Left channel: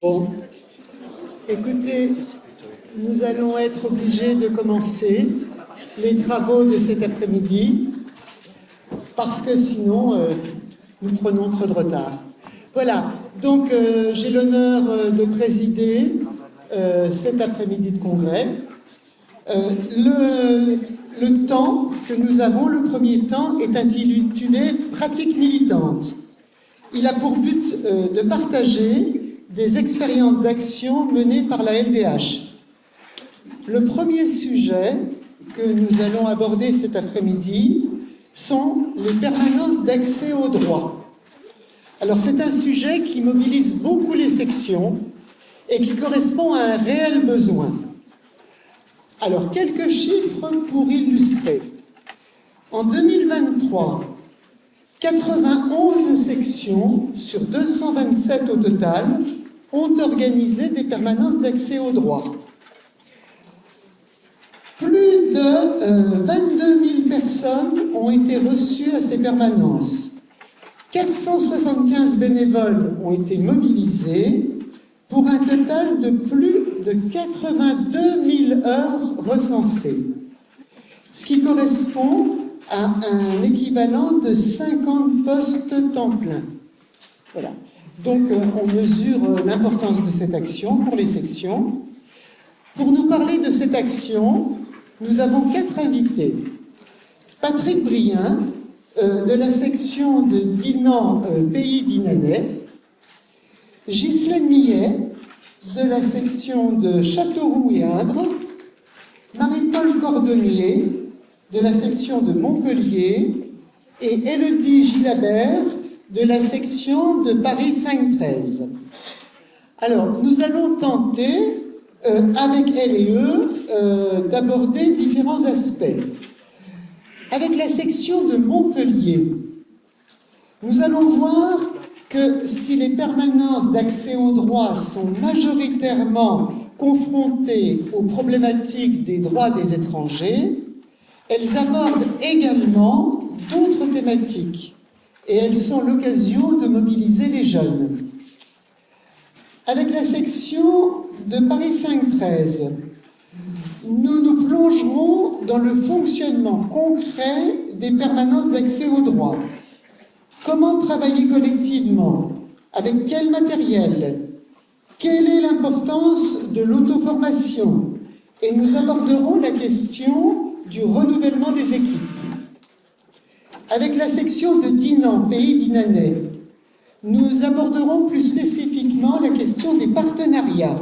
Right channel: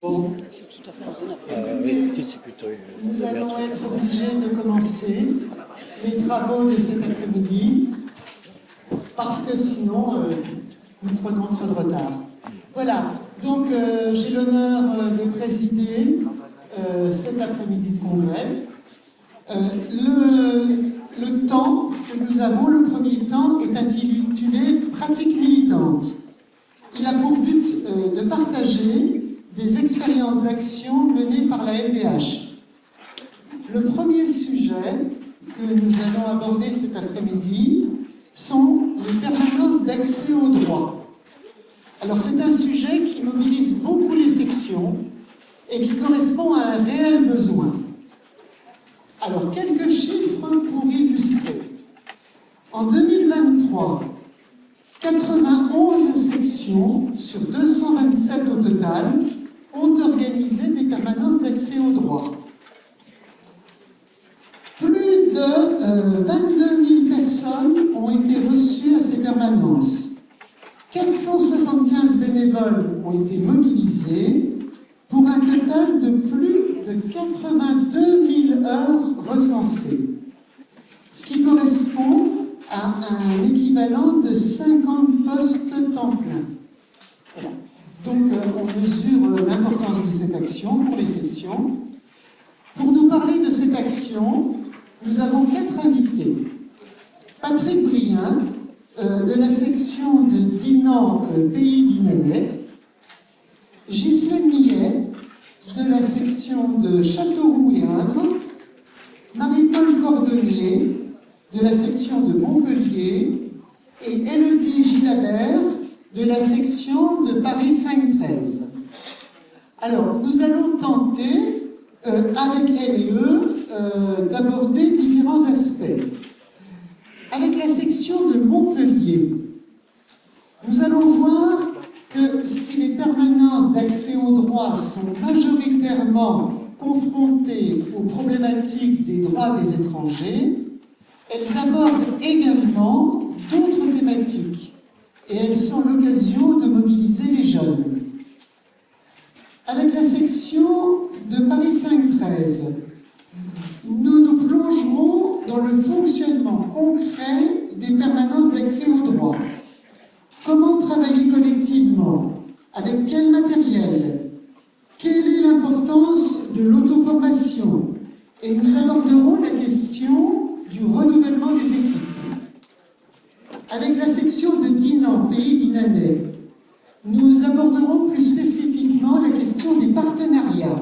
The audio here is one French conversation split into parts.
Bon, écoutez, nous allons être obligés de commencer les travaux de cet après-midi parce que sinon nous prenons trop de retard. Voilà, donc j'ai l'honneur de présider cet après-midi de congrès. Le temps que nous avons, le premier temps, est intitulé « Pratique militante ». Il a pour but de partager des expériences d'action menées par la LDH. Le premier sujet que nous allons aborder cet après-midi sont les permanences d'accès au droit. Alors c'est un sujet qui mobilise beaucoup les sections et qui correspond à un réel besoin. Alors quelques chiffres pour illustrer. En 2023, 91 sections sur 227 au total ont organisé des permanences d'accès au droit. Plus de 22 000 personnes ont été reçues à ces permanences. 475 bénévoles ont été mobilisés pour un total de plus de 82 000 heures recensées, ce qui correspond à un équivalent de 50 postes temps plein. Voilà. Donc, on mesure l'importance de cette action pour les sections. Pour nous parler de cette action, nous avons 4 invités. Patrick Brien, de la section de Dinan, Pays d'Inanais. Ghislaine Millet, de la section de Châteauroux et Indre. Marie-Paul Cordonnier, de la section de Montpellier, et Élodie Gilabert, de la section de Paris 5-13. Alors, nous allons tenter, avec elles et eux, d'aborder différents aspects. Avec la section de Montpellier, nous allons voir que si les permanences d'accès au droit sont majoritairement confrontées aux problématiques des droits des étrangers, elles abordent également d'autres thématiques et elles sont l'occasion de mobiliser les jeunes. Avec la section de Paris 5-13, nous nous plongerons dans le fonctionnement concret des permanences d'accès au droit. Comment travailler collectivement? Avec quel matériel? Quelle est l'importance de l'auto-formation? Et nous aborderons la question du renouvellement des équipes. Avec la section de Dinan, Pays d'Inanais, nous aborderons plus spécifiquement la question des partenariats.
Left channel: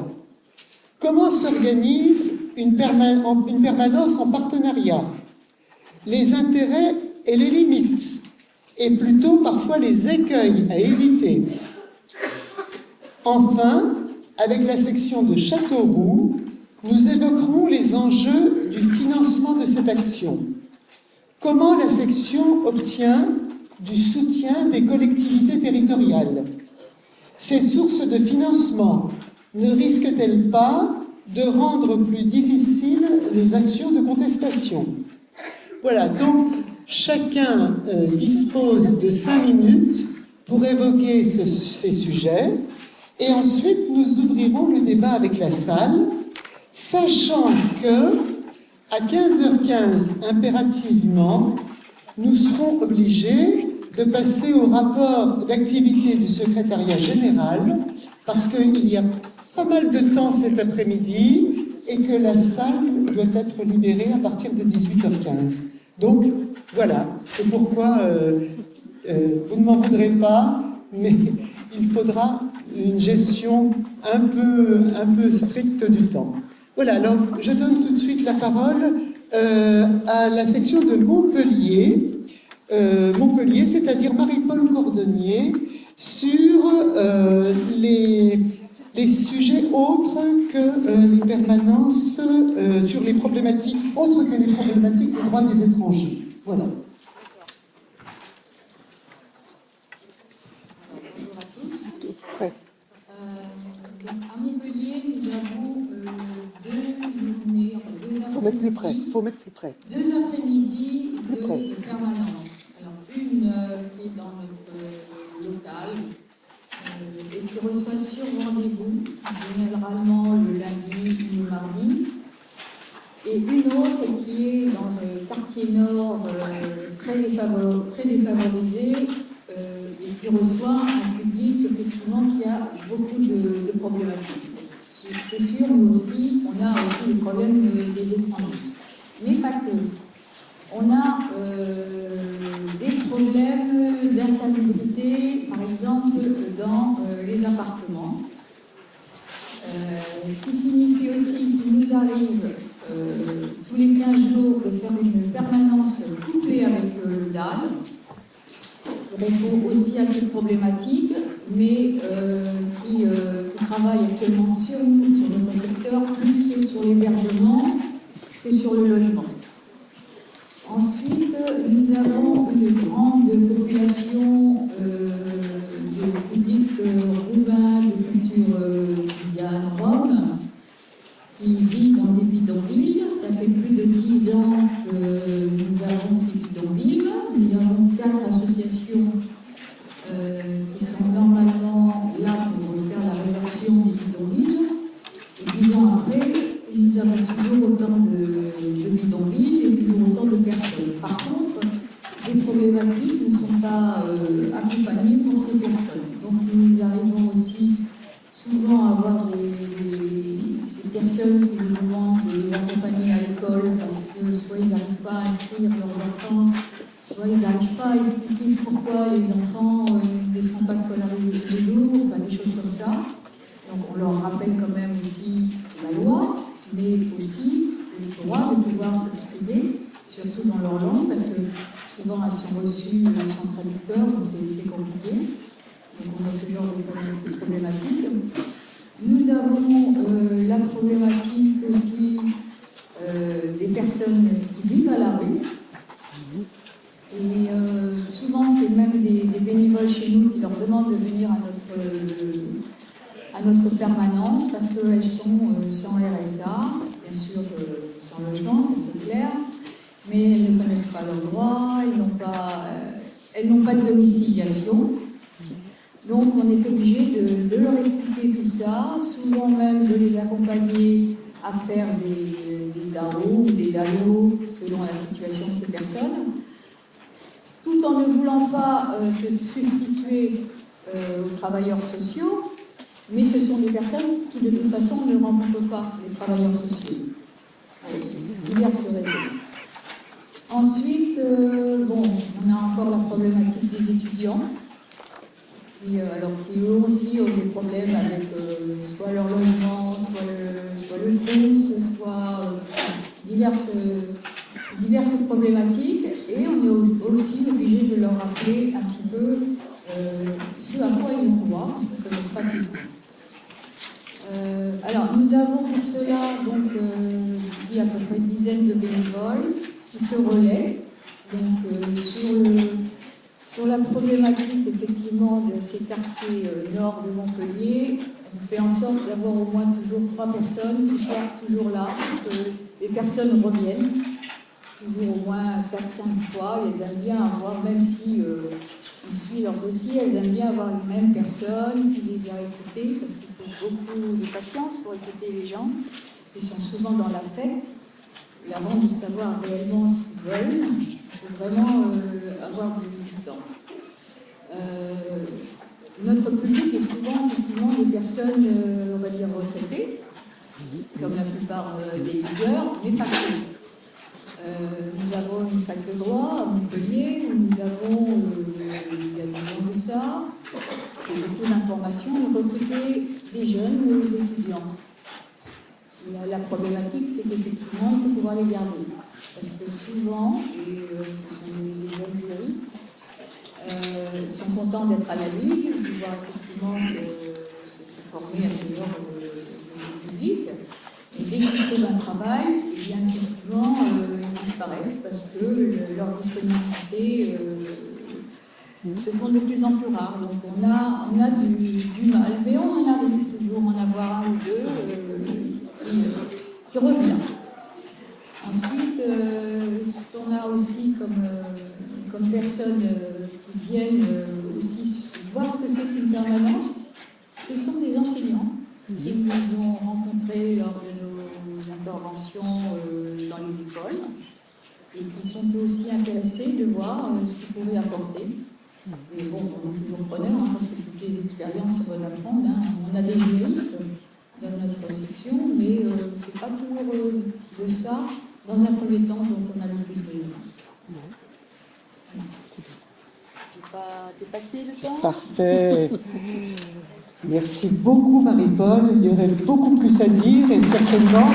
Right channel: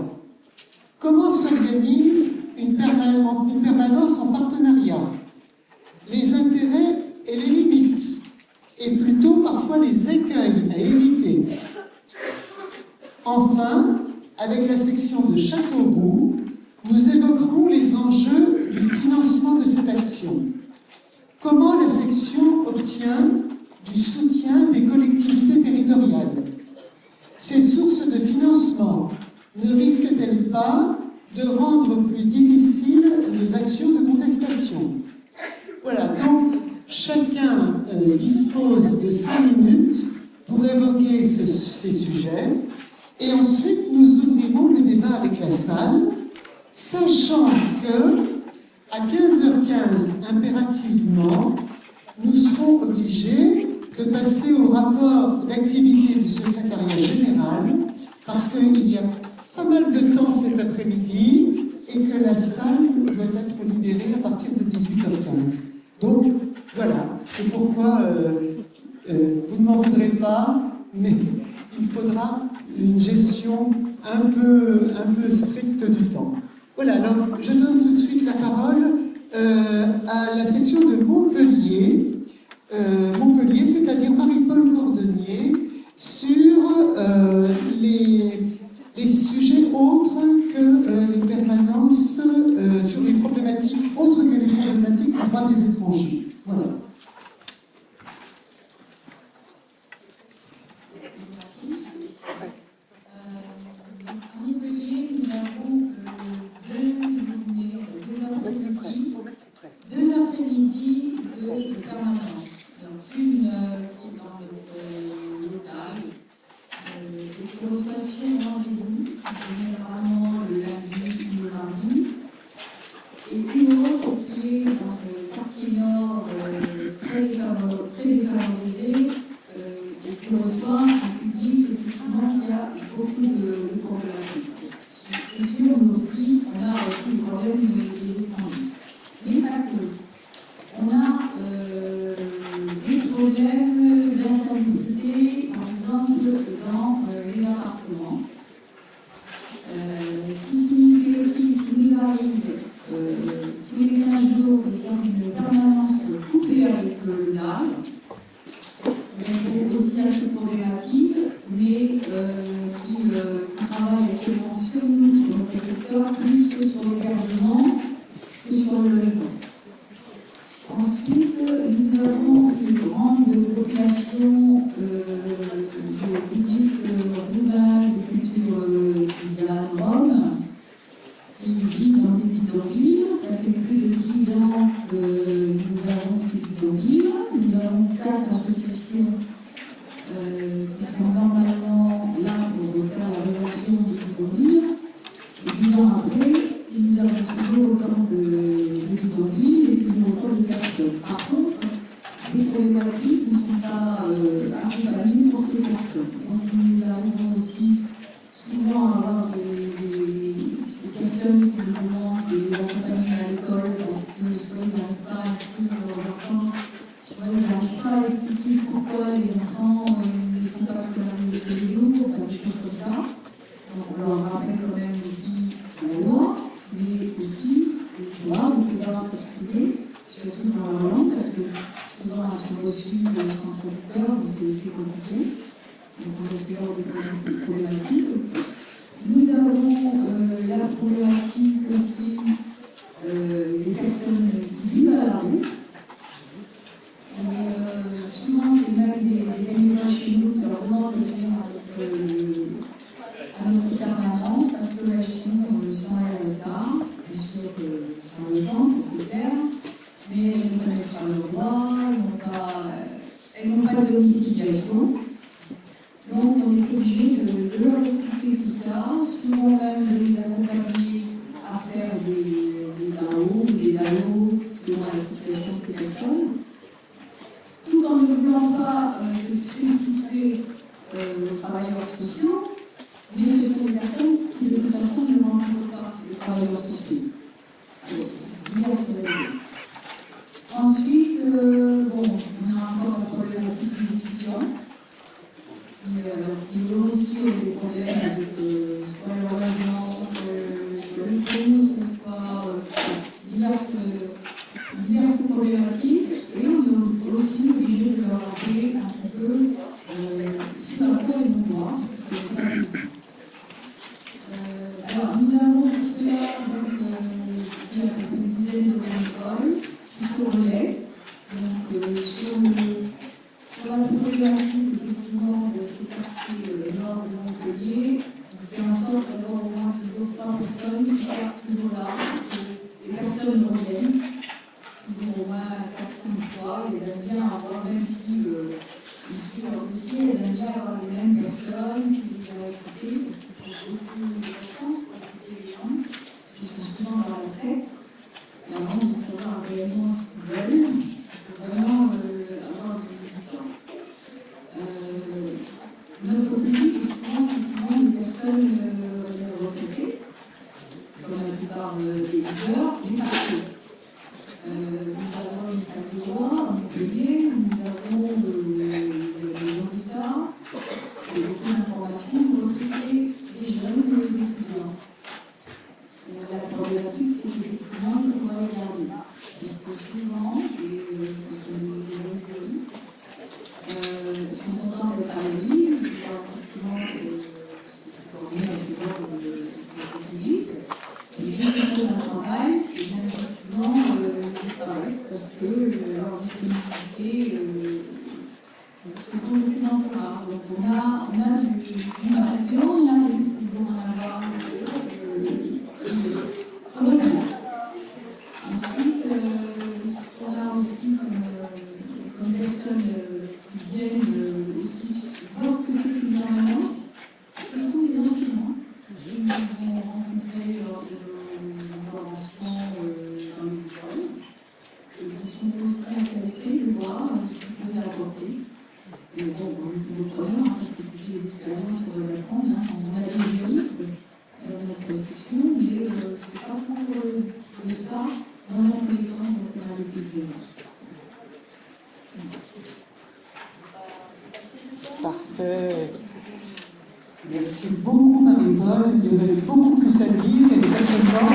Comment s'organise une permanence en partenariat? Les intérêts et les limites, et plutôt parfois les écueils à éviter. Enfin, avec la section de Châteauroux, nous évoquerons les enjeux du financement de cette action. Comment la section obtient du soutien des collectivités territoriales? Ces sources de financement ne risquent-elles pas de rendre plus difficiles les actions de contestation? Voilà, donc chacun dispose de 5 minutes pour évoquer ces sujets et ensuite nous ouvrirons le débat avec la salle, sachant que à 15h15, impérativement, nous serons obligés de passer au rapport d'activité du secrétariat général parce qu'il y a pas mal de temps cet après-midi et que la salle doit être libérée à partir de 18h15. Donc, voilà, c'est pourquoi vous ne m'en voudrez pas, mais il faudra une gestion un peu stricte du temps. Voilà, alors je donne tout de suite la parole à la section de Montpellier, c'est-à-dire Marie-Paul Cordonnier, sur les sujets autres que les permanences, sur les problématiques autres que les problématiques des droits des étrangers. Voilà. À Montpellier, nous avons Faut mettre plus près. 2 après-midi de permanence. Alors, une qui est dans notre local et qui reçoit sur rendez-vous généralement le lundi ou le mardi, et une autre qui est dans un quartier nord très défavorisé et qui reçoit un public effectivement qui a beaucoup de problématiques. C'est sûr, nous aussi, on a aussi des problèmes des étrangers. Mais pas que. On a des problèmes d'insalubrité, par exemple, dans les appartements. Ce qui signifie aussi qu'il nous arrive tous les 15 jours de faire une permanence couplée avec le DAL, qui répond aussi à ces problématiques, mais qui travaille actuellement sur notre secteur, plus sur l'hébergement que sur le logement. Ensuite, nous avons une grande population de public roumain, de culture tzigane, rome, qui vit dans des bidonvilles. Ça fait plus de 10 ans que nous avons ces bidonvilles. Nous avons 4 associations qui sont normalement là pour faire la résorption des bidonvilles. Et 10 ans après, nous avons toujours autant de bidonvilles et toujours autant de personnes. Par contre, les problématiques ne sont pas accompagnées pour ces personnes. Donc nous arrivons aussi souvent à avoir des personnes qui nous demandent de les accompagner à l'école parce que soit ils n'arrivent pas à inscrire leurs enfants, soit ils n'arrivent pas à expliquer pourquoi les enfants ne sont pas scolarisés tous les jours, enfin, des choses comme ça. Donc on leur rappelle quand même aussi la loi, mais aussi le droit de pouvoir s'exprimer, surtout dans leur langue, parce que souvent elles sont reçues sans traducteur, donc c'est compliqué. Donc on a ce genre de problématique. Nous avons la problématique aussi des personnes qui vivent à la rue. Et souvent, c'est même des bénévoles chez nous qui leur demandent de venir à notre permanence parce qu'elles sont sans RSA, bien sûr sans logement, ça c'est clair, mais elles ne connaissent pas leurs droits, elles n'ont pas de domiciliation. Donc on est obligé de leur expliquer tout ça, souvent même de les accompagner à faire des DAO ou des DALO selon la situation de ces personnes, tout en ne voulant pas se substituer aux travailleurs sociaux, mais ce sont des personnes qui de toute façon ne rencontrent pas les travailleurs sociaux, diverses raisons. Ensuite, on a encore la problématique des étudiants. Qui eux aussi ont des problèmes avec soit leur logement, soit le bourse, soit diverses problématiques. Et on est aussi obligé de leur rappeler un petit peu ce à quoi ils ont droit, parce qu'ils ne connaissent pas toujours. Alors, nous avons pour cela, donc, à peu près une dizaine de bénévoles qui se relaient. Donc, sur la problématique, effectivement, de ces quartiers nord de Montpellier, on fait en sorte d'avoir au moins toujours 3 personnes qui sont toujours là, parce que les personnes reviennent, toujours au moins 4-5 fois, et elles aiment bien avoir, même si on suit leur dossier, elles aiment bien avoir les mêmes personnes qui les a écoutées, parce qu'il faut beaucoup de patience pour écouter les gens, parce qu'ils sont souvent dans la fête, et avant de savoir réellement ce qu'ils veulent, il faut vraiment avoir du temps. Notre public est souvent effectivement des personnes, on va dire, retraitées, comme la plupart des leaders, mais pas que. Nous avons une fac de droit à Montpellier, nous avons, il y a 2 ans de ça, beaucoup d'informations, nous recrutons des jeunes ou des étudiants. La problématique, c'est qu'effectivement, il faut pouvoir les garder. Parce que souvent, et les jeunes juristes sont contents d'être à la vie, de pouvoir effectivement se former à ce genre de public. Et dès qu'ils trouvent un travail, eh bien, effectivement, ils disparaissent parce que leur disponibilité se font de plus en plus rares. Donc on a du mal, mais on arrive toujours à en avoir un ou deux qui reviennent. Ensuite, ce qu'on a aussi comme personnes qui viennent aussi voir ce que c'est qu'une permanence, ce sont des enseignants qui s'intéresser, de voir ce qu'ils pourraient apporter. Et bon, on est toujours preneur, hein, parce que toutes les expériences répondent. Hein. On a des juristes dans notre section, mais c'est pas toujours de ça, dans un premier temps, dont on a besoin. T'es passé le temps ? Parfait. Merci beaucoup Marie-Paul. Il y aurait beaucoup plus à dire et certainement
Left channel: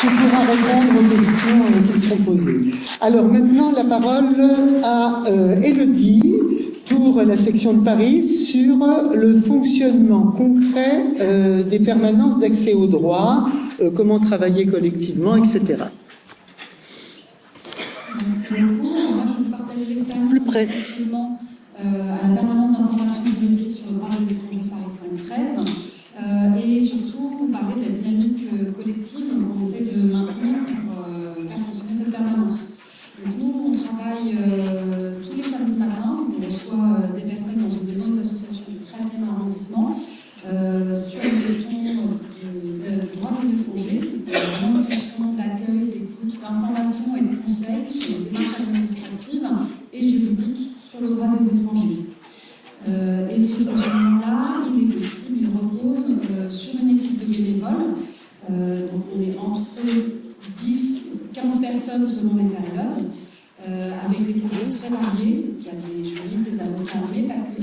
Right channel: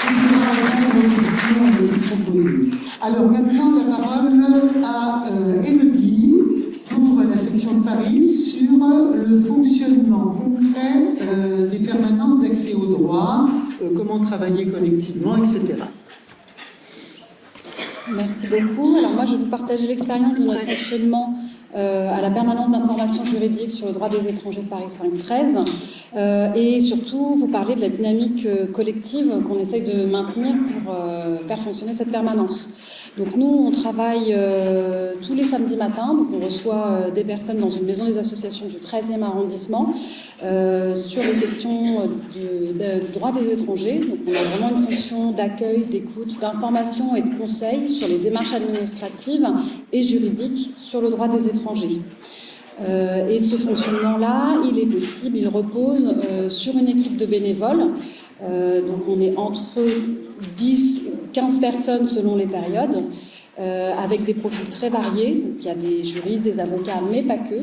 tu pourras répondre aux questions qui seront posées. Alors maintenant la parole à Élodie pour la section de Paris sur le fonctionnement concret des permanences d'accès au droit, comment travailler collectivement, etc. Merci beaucoup. Alors moi, je vais vous partager l'expérience de notre fonctionnement à la permanence d'information juridique sur le droit des étrangers de Paris 5-13 et surtout vous parler de la dynamique collective qu'on essaye de maintenir pour faire fonctionner cette permanence. Donc nous, on travaille tous les samedis matins, donc on reçoit des personnes dans une maison des associations du 13e arrondissement sur les questions du droit des étrangers. Donc on a vraiment une fonction d'accueil, d'écoute, d'information et de conseil sur les démarches administratives et juridiques sur le droit des étrangers. Et ce fonctionnement-là, il est possible, il repose sur une équipe de bénévoles. Donc on est entre 10-15 personnes selon les périodes, avec des profils très variés. Donc, il y a des juristes, des avocats, mais pas que.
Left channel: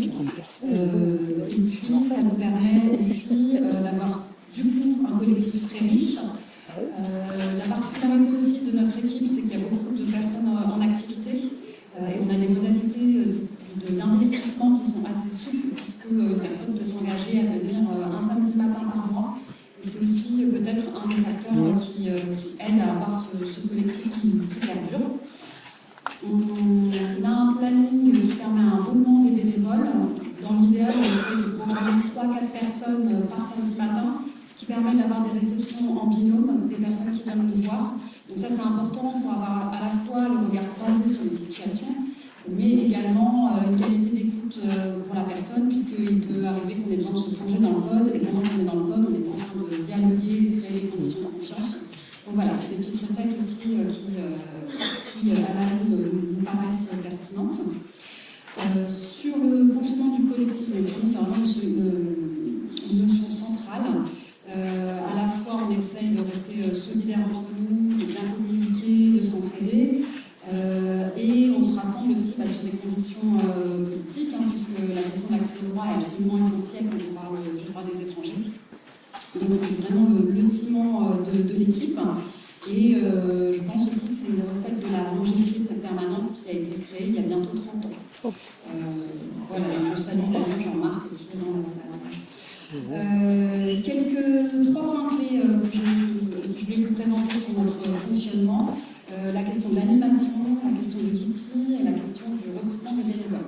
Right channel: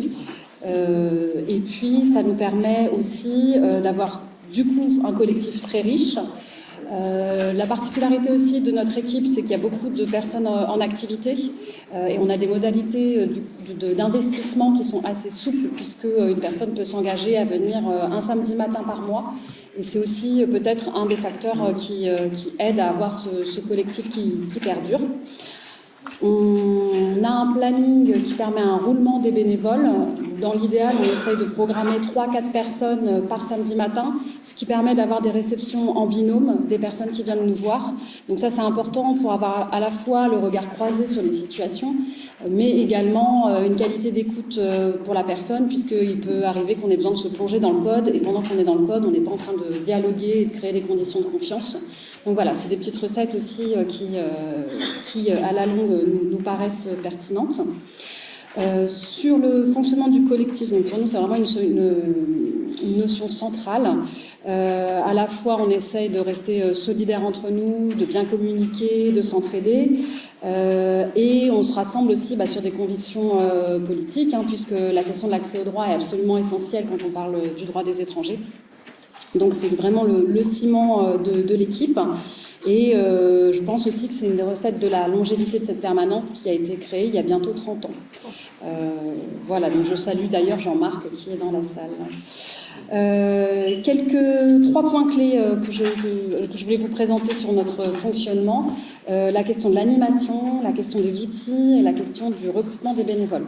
Et puis ça nous permet aussi d'avoir du coup un collectif très riche. La particularité aussi de notre équipe, c'est qu'il y a beaucoup de personnes en activité et on a des modalités d'investissement qui sont assez souples puisque une personne peut s'engager à venir un samedi matin par mois. Et c'est aussi peut-être un des facteurs qui aide à avoir ce collectif qui perdure. On a un planning qui permet un roulement des bénévoles. Dans l'idéal, on essaye de programmer 3-4 personnes par samedi matin, ce qui permet d'avoir des réceptions en binôme des personnes qui viennent nous voir. Donc ça, c'est important pour avoir à la fois le regard croisé sur les situations, mais également une qualité d'écoute pour la personne, puisqu'il peut arriver qu'on ait besoin de se plonger dans le code, et pendant qu'on est dans le code, on n'est pas en train de dialoguer et de créer des conditions de confiance. Donc voilà, c'est des petites recettes aussi qui à la longue, nous paraissent pertinentes. Sur le fonctionnement du collectif, donc pour nous, c'est vraiment une notion centrale. À la fois, on essaye de rester solidaires entre nous, de bien communiquer, de s'entraider. Et on se rassemble aussi sur des convictions politiques, puisque la question de l'accès au droit est absolument essentielle quand on parle du droit des étrangers. Donc c'est vraiment le ciment de l'équipe. Et je pense aussi que c'est une des recettes de la longévité de cette permanence qui a été créée il y a bientôt 30 ans. Voilà, donc je salue d'ailleurs Jean-Marc qui est dans la salle. 3 points clés que je voulais vous présenter sur notre fonctionnement. La question de l'animation, la question des outils et la question du recrutement des bénévoles.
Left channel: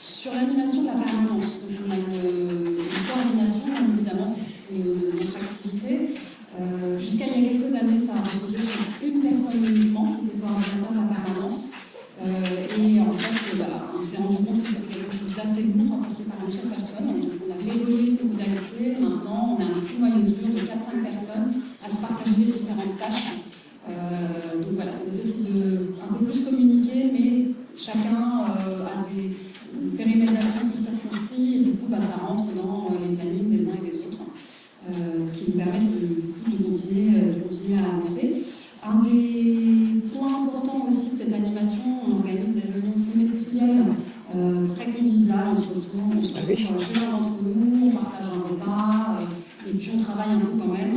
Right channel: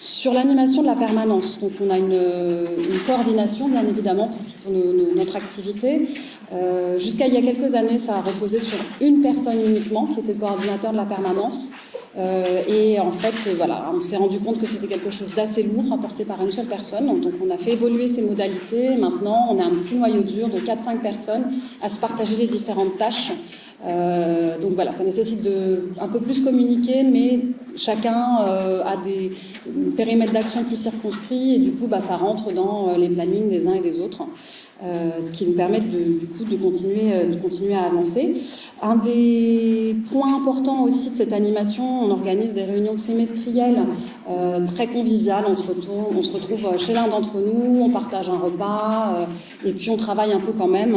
Sur l'animation de la permanence, donc on a une coordination bien évidemment pour notre activité. Jusqu'à il y a quelques années, ça a reposé sur une personne uniquement qui était coordinateur de la permanence. Et en fait, voilà, on s'est rendu compte que c'était quelque chose d'assez lourd apporté par une seule personne. Donc on a fait évoluer ces modalités. Maintenant, on a un petit noyau dur de 4-5 personnes à se partager les différentes tâches. Donc voilà, ça nécessite un peu plus communiquer, mais chacun a des périmètres d'action plus circonscrits et du coup ça rentre dans les plannings des uns et des autres, ce qui nous permet de continuer à avancer. Un des points importants aussi de cette animation, on organise des réunions trimestrielles très conviviales. On se retrouve chez l'un d'entre nous, on partage un repas et puis on travaille un peu quand même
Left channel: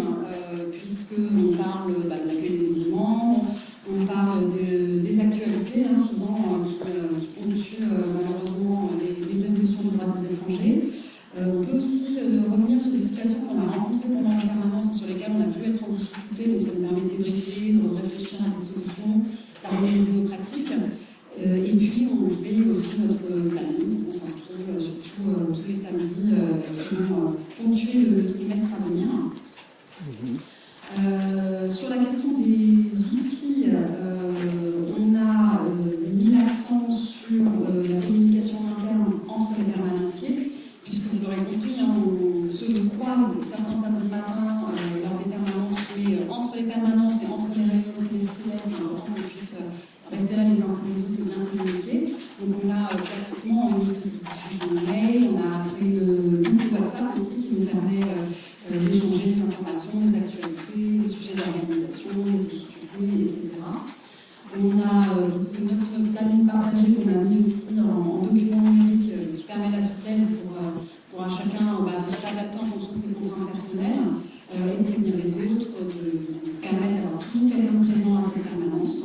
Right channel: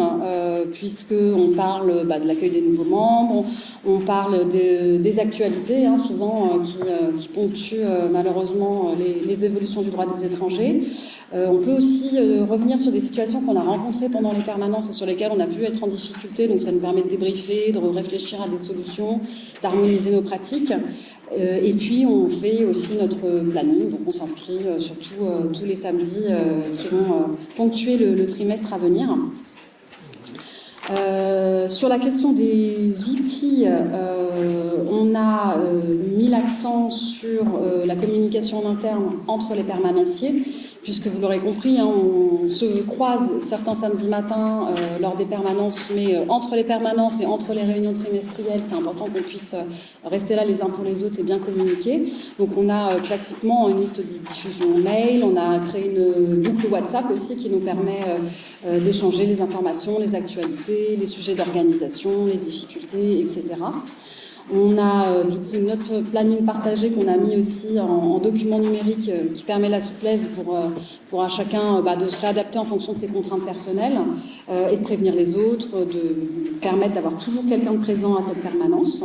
puisqu'on parle de l'accueil des nouveaux membres, on parle des actualités souvent qui ponctuent malheureusement les évolutions du droit des étrangers. On peut aussi revenir sur des situations qu'on a rencontrées pendant les permanences et sur lesquelles on a pu être en difficulté, donc ça nous permet de débriefer, de réfléchir à des solutions, d'harmoniser nos pratiques. Et puis on fait aussi notre planning, donc on s'inscrit surtout tous les samedis qui vont ponctuer le trimestre à venir. Sur la question des outils, on a mis l'accent sur la communication en interne entre les permanenciers, puisque vous l'aurez compris, hein, on se croise certains samedis matins lors des permanences, mais entre les permanences et entre les réunions trimestrielles, c'est important qu'on puisse rester là les uns pour les autres et bien communiquer. Donc on a classiquement une liste de diffusion mail, on a créé une boucle WhatsApp aussi qui nous permet d'échanger les informations, les actualités, les sujets d'organisation, les difficultés, etc. On a du coup notre planning partagé qu'on a mis aussi en document numérique qui permet la souplesse pour à chacun de se réadapter en fonction de ses contraintes personnelles et de prévenir les autres, de permettre d'avoir toujours quelqu'un de présent à cette permanence.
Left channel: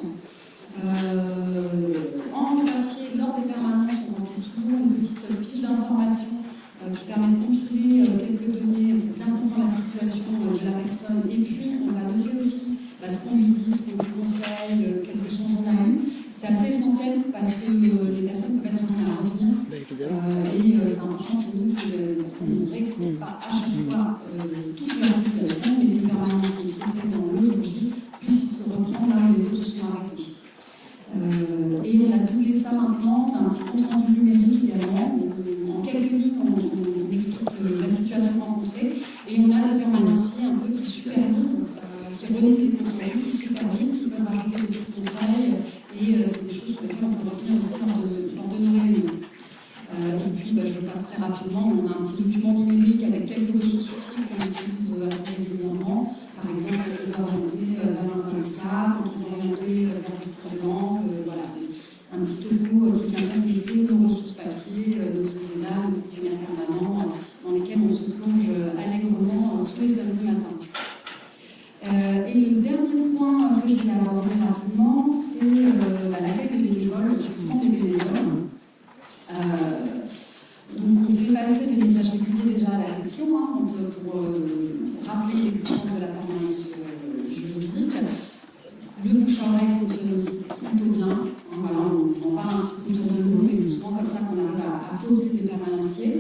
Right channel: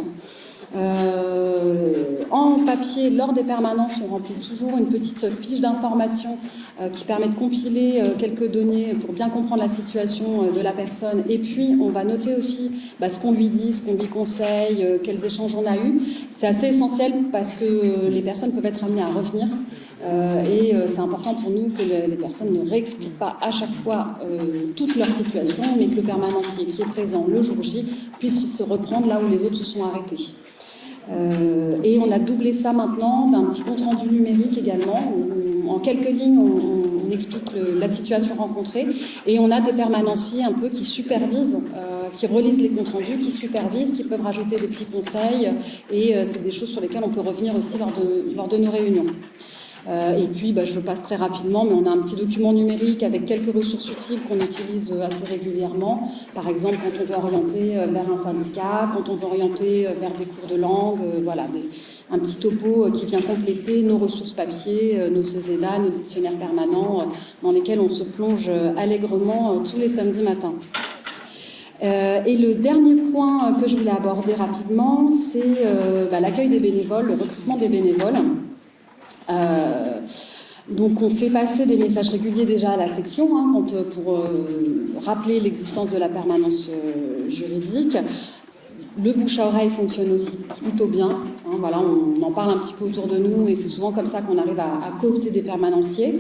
En papier, lors des permanences, on remplit toujours une petite fiche d'information qui permet de compiler quelques données pour bien comprendre la situation de la personne. Et puis, on va noter aussi ce qu'on lui dit, ce qu'on lui conseille, quels échanges on a eus. C'est assez essentiel parce que les personnes peuvent être amenées à revenir. Et c'est important pour nous que les personnes ne réexpliquent pas à chaque fois toute leur situation, mais que le permanencier qui est présent le jour J puisse se reprendre là où les autres se sont arrêtés. Et on a doublé ça maintenant d'un petit compte rendu numérique également. En quelques lignes, on explique la situation rencontrée et on a des permanenciers un peu qui supervisent, qui relisent les comptes rendus, qui supervisent, qui peuvent rajouter des petits conseils et c'est des choses sur lesquelles on peut revenir aussi lors de nos réunions. Et puis, je passe très rapidement, mais on a un petit document numérique avec quelques ressources utiles qu'on utilise assez régulièrement. Par exemple, quand on veut orienter vers un syndicat, quand on veut orienter vers des cours de langue, un petit topo qui vient compléter nos ressources papier, nos CESEDA, nos dictionnaires permanents, dans lesquels on se plonge allègrement tous les samedis matins. Et le dernier point que je voulais aborder rapidement, c'est l'accueil des bénévoles, le recrutement des bénévoles. Donc on fait passer des messages réguliers déjà à la section pour rappeler l'existence de la permanence juridique. Le bouche à oreille fonctionne aussi plutôt bien. On en parle un petit peu autour de nous et c'est souvent comme ça qu'on arrive à coopter des permanenciers.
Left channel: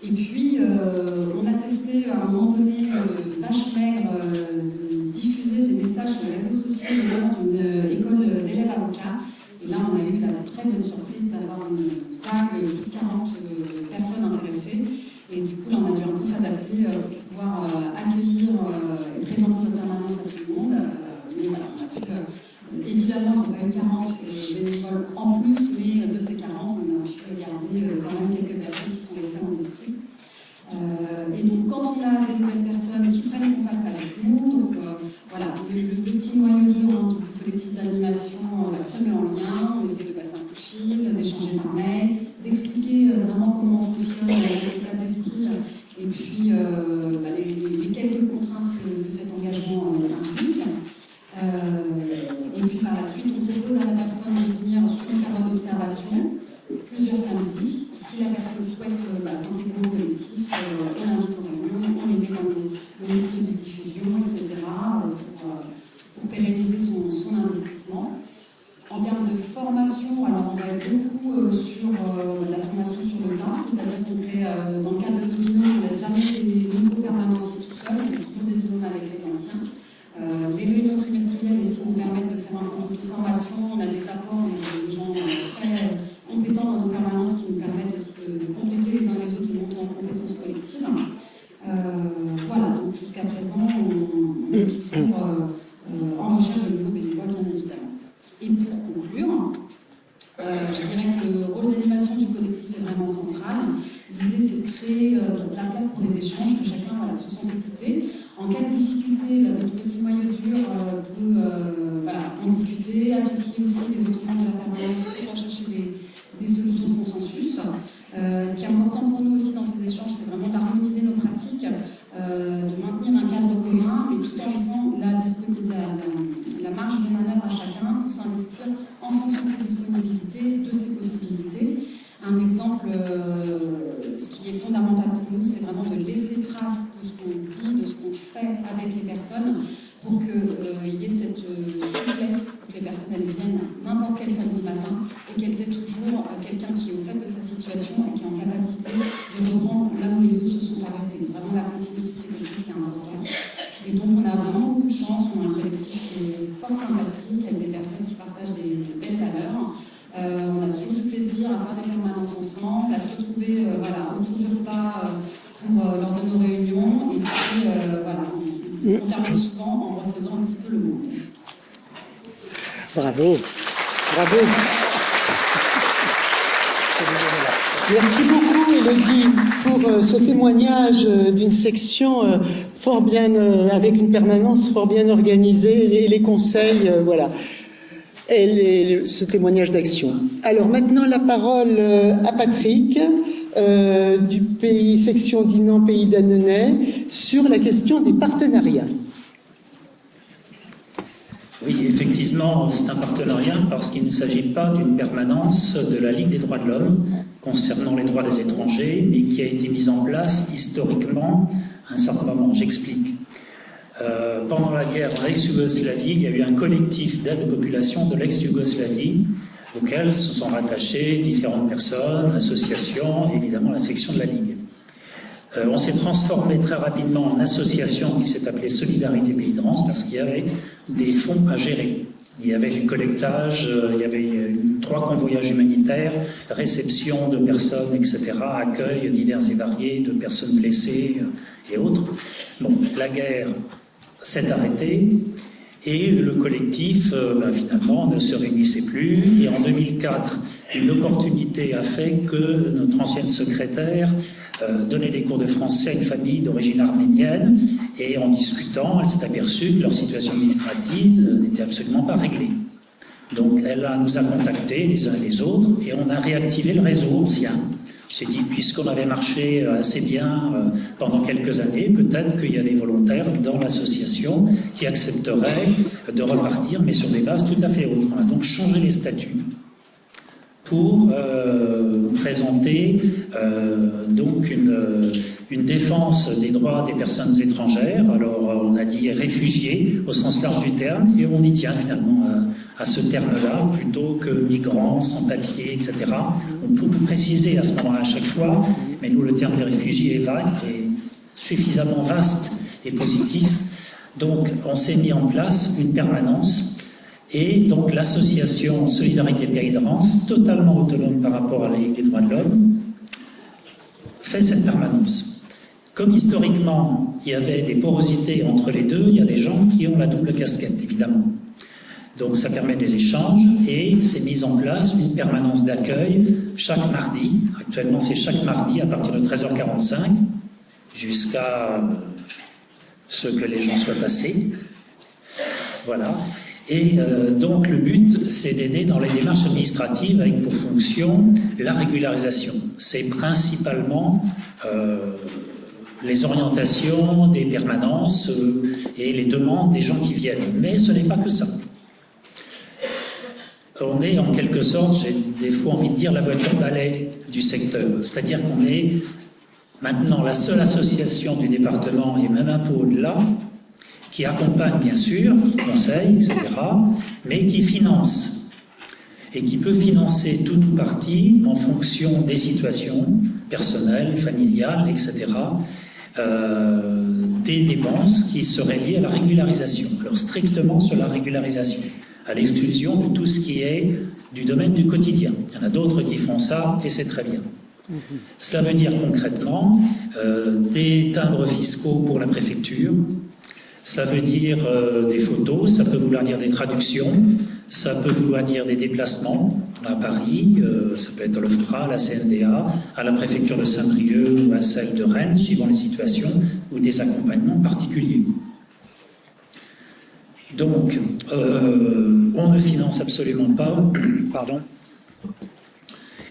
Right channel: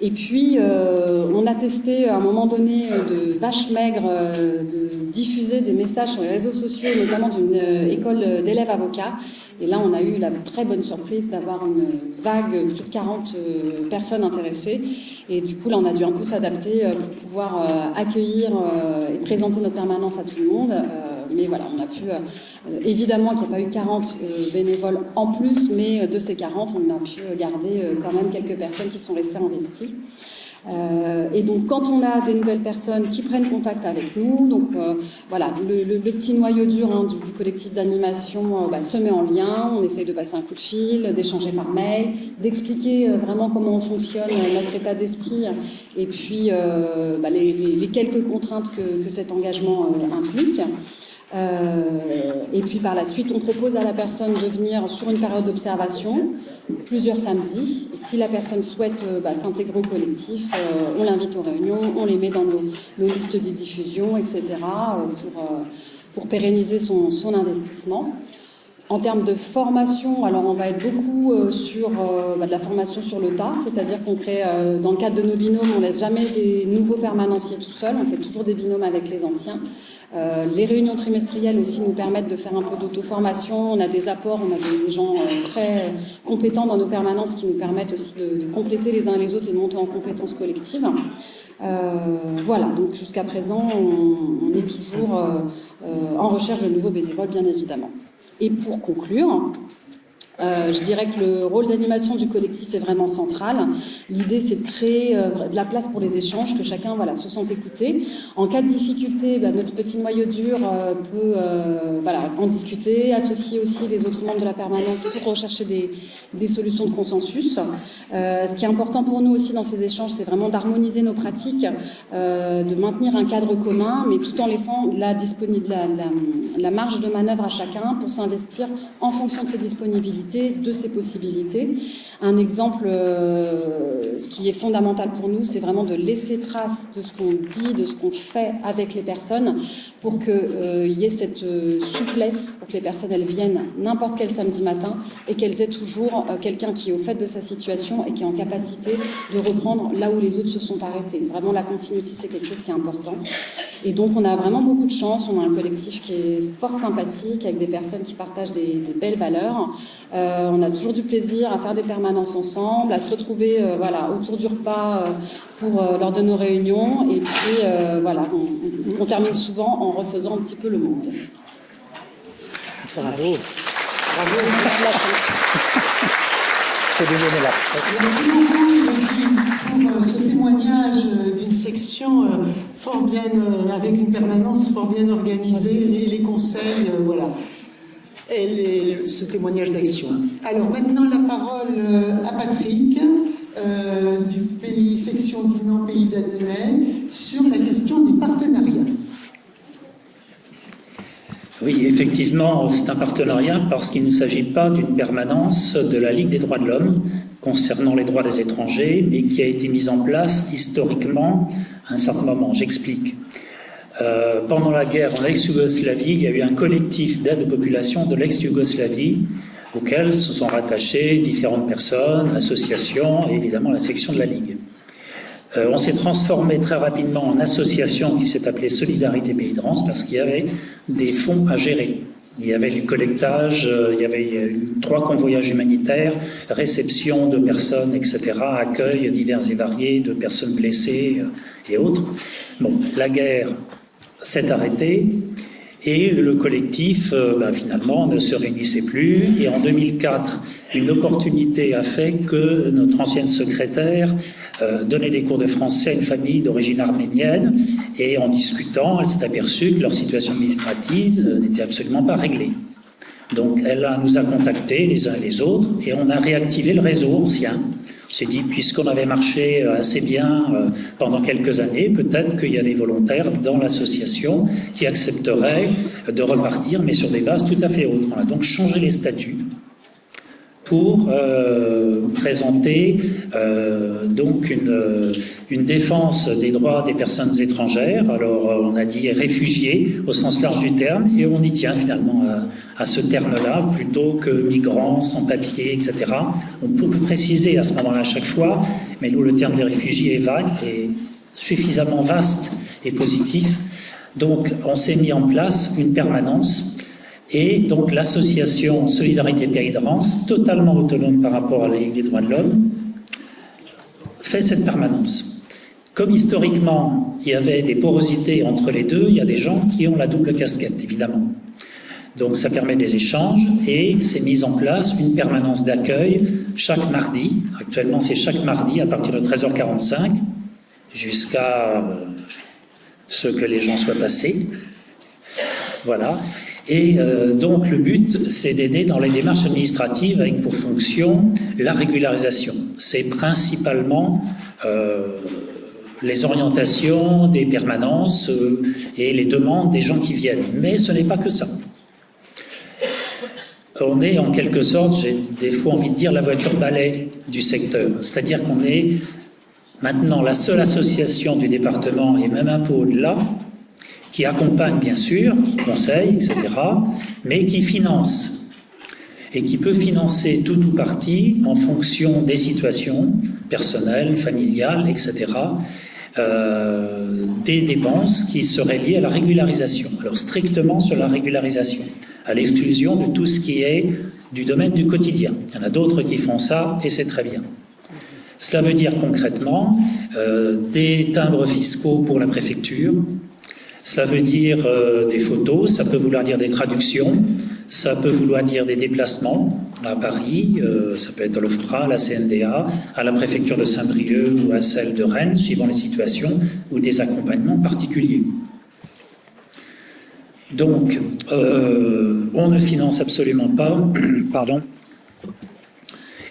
Et puis on a testé à un moment donné de vache maigre de diffuser des messages sur les réseaux sociaux, notamment d'une école d'élèves avocats. Et là, on a eu la très bonne surprise d'avoir une vague de 40 personnes intéressées. Et du coup, là, on a dû un peu s'adapter pour pouvoir accueillir et présenter notre permanence à tout le monde. Mais voilà, on a pu... évidemment qu'il n'y a pas eu 40 bénévoles en plus, mais de ces 40, on a pu garder quand même quelques personnes qui sont restées investies. Et donc quand on a des nouvelles personnes qui prennent contact avec nous, donc le petit noyau dur du collectif d'animation se met en lien, on essaye de passer un coup de fil, d'échanger par mail, d'expliquer vraiment comment on fonctionne, notre état d'esprit, et puis les quelques contraintes que cet engagement implique. Et puis par la suite, on propose à la personne de venir sur une période d'observation, plusieurs samedis. Si la personne souhaite s'intégrer au collectif, on l'invite aux réunions, on les met dans nos listes de diffusion, etc., pour pérenniser son investissement. En termes de formation, alors on va être beaucoup sur de la formation sur le tas, c'est-à-dire qu'on crée, dans le cadre de nos binômes, on ne laisse jamais des nouveaux permanenciers tout seuls, on fait toujours des binômes avec les anciens. Les réunions trimestrielles aussi nous permettent de faire un peu d'auto-formation. On a des apports, on a des gens très compétents dans nos permanences qui nous permettent aussi de compléter les uns et les autres et de monter en compétences collectives. Donc jusqu'à présent, on est toujours en recherche de nouveaux bénévoles, bien évidemment. Et pour conclure, je dirais que le rôle d'animation du collectif est vraiment central. L'idée, c'est de créer de la place pour les échanges, que chacun se sente écouté. En cas de difficulté, notre petit noyau dur peut en discuter, associer aussi les autres membres de la permanence pour rechercher des solutions de consensus. Ce qui est important pour nous aussi dans ces échanges, c'est vraiment d'harmoniser nos pratiques, de maintenir un cadre commun, mais tout en laissant la marge de manœuvre à chacun pour s'investir en fonction de ses disponibilités, de ses possibilités. Un exemple, ce qui est fondamental pour nous, c'est vraiment de laisser trace de ce qu'on dit, de ce qu'on fait avec les personnes pour qu'il y ait cette souplesse, pour que les personnes elles viennent n'importe quel samedi matin et qu'elles aient toujours quelqu'un qui est au fait de sa situation et qui est en capacité de reprendre là où les autres se sont arrêtés. Vraiment, la continuité, c'est quelque chose qui est important. Et donc, on a vraiment beaucoup de chance. On a un collectif qui est fort sympathique, avec des personnes qui partagent des belles valeurs. On a toujours du plaisir à faire des permanences ensemble, à se retrouver voilà, autour du repas lors de nos réunions. Et puis voilà, on termine souvent en refaisant un petit peu le monde. Bravo, bravo. Merci beaucoup, Élodie, pour ce témoignage d'une section fort bien, avec une permanence fort bien organisée, et les conseils, voilà, et ce témoignage d'action. Alors maintenant, la parole à Patrick, du pays, section Dinan, pays d'Annonay, sur la question des partenariats. Oui, effectivement, c'est un partenariat parce qu'il ne s'agit pas d'une permanence de la Ligue des droits de l'homme concernant les droits des étrangers, mais qui a été mise en place historiquement à un certain moment. J'explique. Pendant la guerre en ex-Yougoslavie, il y a eu un collectif d'aide aux populations de l'ex-Yougoslavie auquel se sont rattachées différentes personnes, associations et évidemment la section de la Ligue. On s'est transformé très rapidement en association qui s'est appelée Solidarité Pays de Rance parce qu'il y avait des fonds à gérer. Il y avait du collectage, il y avait 3 convoyages humanitaires, réception de personnes, etc., accueil divers et variés de personnes blessées et autres. Bon, la guerre s'est arrêtée et le collectif, finalement, ne se réunissait plus. Et en 2004, une opportunité a fait que notre ancienne secrétaire donnait des cours de français à une famille d'origine arménienne. Et en discutant, elle s'est aperçue que leur situation administrative n'était absolument pas réglée. Donc, elle nous a contactés les uns et les autres et on a réactivé le réseau ancien. On s'est dit, puisqu'on avait marché assez bien pendant quelques années, peut-être qu'il y a des volontaires dans l'association qui accepteraient de repartir, mais sur des bases tout à fait autres. On a donc changé les statuts pour présenter donc une défense des droits des personnes étrangères. Alors on a dit réfugiés au sens large du terme, et on y tient finalement à ce terme-là, plutôt que migrants, sans-papiers, etc. On peut préciser à ce moment-là à chaque fois, mais nous le terme des réfugiés est vague et suffisamment vaste et positif. Donc on s'est mis en place une permanence. Et donc l'association Solidarité Pays de Rance, totalement autonome par rapport à la Ligue des droits de l'homme, fait cette permanence. Comme historiquement, il y avait des porosités entre les deux, il y a des gens qui ont la double casquette, évidemment. Donc ça permet des échanges et c'est mis en place une permanence d'accueil chaque mardi. Actuellement, c'est chaque mardi à partir de 13h45 jusqu'à ce que les gens soient passés. Voilà. Et donc le but, c'est d'aider dans les démarches administratives avec pour fonction la régularisation. C'est principalement les orientations des permanences et les demandes des gens qui viennent. Mais ce n'est pas que ça. On est en quelque sorte, j'ai des fois envie de dire, la voiture balai du secteur. C'est-à-dire qu'on est maintenant la seule association du département et même un peu au-delà qui accompagne bien sûr, qui conseille, etc., mais qui finance, et qui peut financer tout ou partie en fonction des situations personnelles, familiales, etc., des dépenses qui seraient liées à la régularisation, alors strictement sur la régularisation, à l'exclusion de tout ce qui est du domaine du quotidien. Il y en a d'autres qui font ça, et c'est très bien. Cela veut dire concrètement des timbres fiscaux pour la préfecture. Ça veut dire des photos, ça peut vouloir dire des traductions, ça peut vouloir dire des déplacements à Paris, ça peut être à l'OFPRA, à la CNDA, à la préfecture de Saint-Brieuc ou à celle de Rennes, suivant les situations, ou des accompagnements particuliers. Donc, on ne finance absolument pas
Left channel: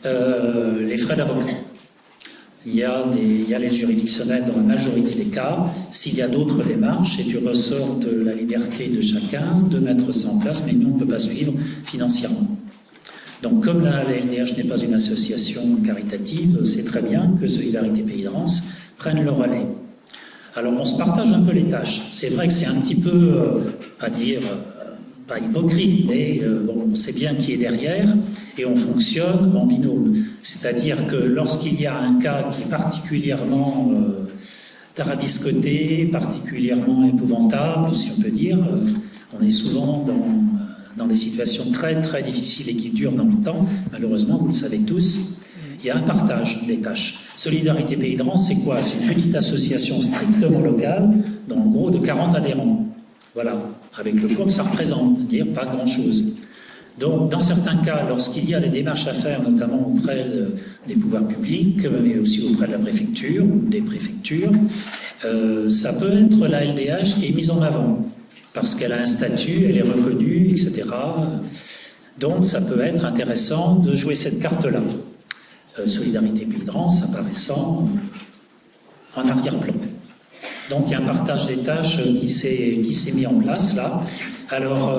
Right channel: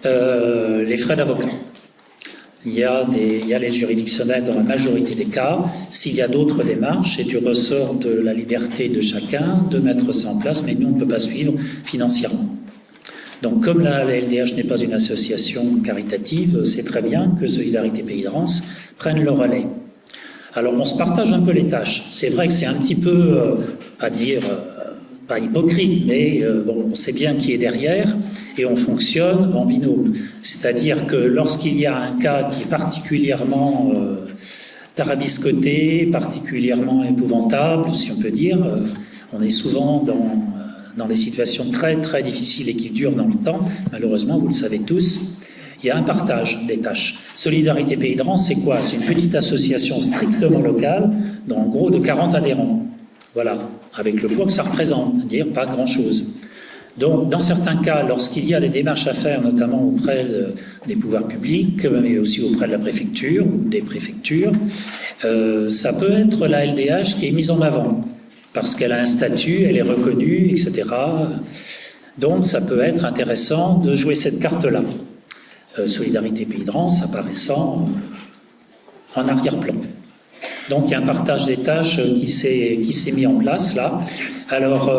les frais d'avocat. Il y a l'aide juridictionnelle dans la majorité des cas. S'il y a d'autres démarches, c'est du ressort de la liberté de chacun de mettre ça en place, mais nous, on ne peut pas suivre financièrement. Donc, comme la LDH n'est pas une association caritative, c'est très bien que Solidarité Pays de Rance prenne le relais. Alors, on se partage un peu les tâches. C'est vrai que c'est un petit peu, pas hypocrite, mais on sait bien qui est derrière et on fonctionne en binôme. C'est-à-dire que lorsqu'il y a un cas qui est particulièrement tarabiscoté, particulièrement épouvantable, si on peut dire, on est souvent dans des situations très très difficiles et qui durent dans le temps, malheureusement, vous le savez tous, il y a un partage des tâches. Solidarité Pays de Rance, c'est quoi? C'est une petite association strictement locale, en gros de 40 adhérents. Voilà, avec le poids que ça représente, c'est-à-dire pas grand-chose. Donc, dans certains cas, lorsqu'il y a des démarches à faire, notamment auprès des pouvoirs publics, mais aussi auprès de la préfecture, des préfectures, ça peut être la LDH qui est mise en avant, parce qu'elle a un statut, elle est reconnue, etc. Donc, ça peut être intéressant de jouer cette carte-là. Solidarité Pays de Rance apparaissant en arrière-plan. Donc il y a un partage des tâches qui s'est mis en place là. Alors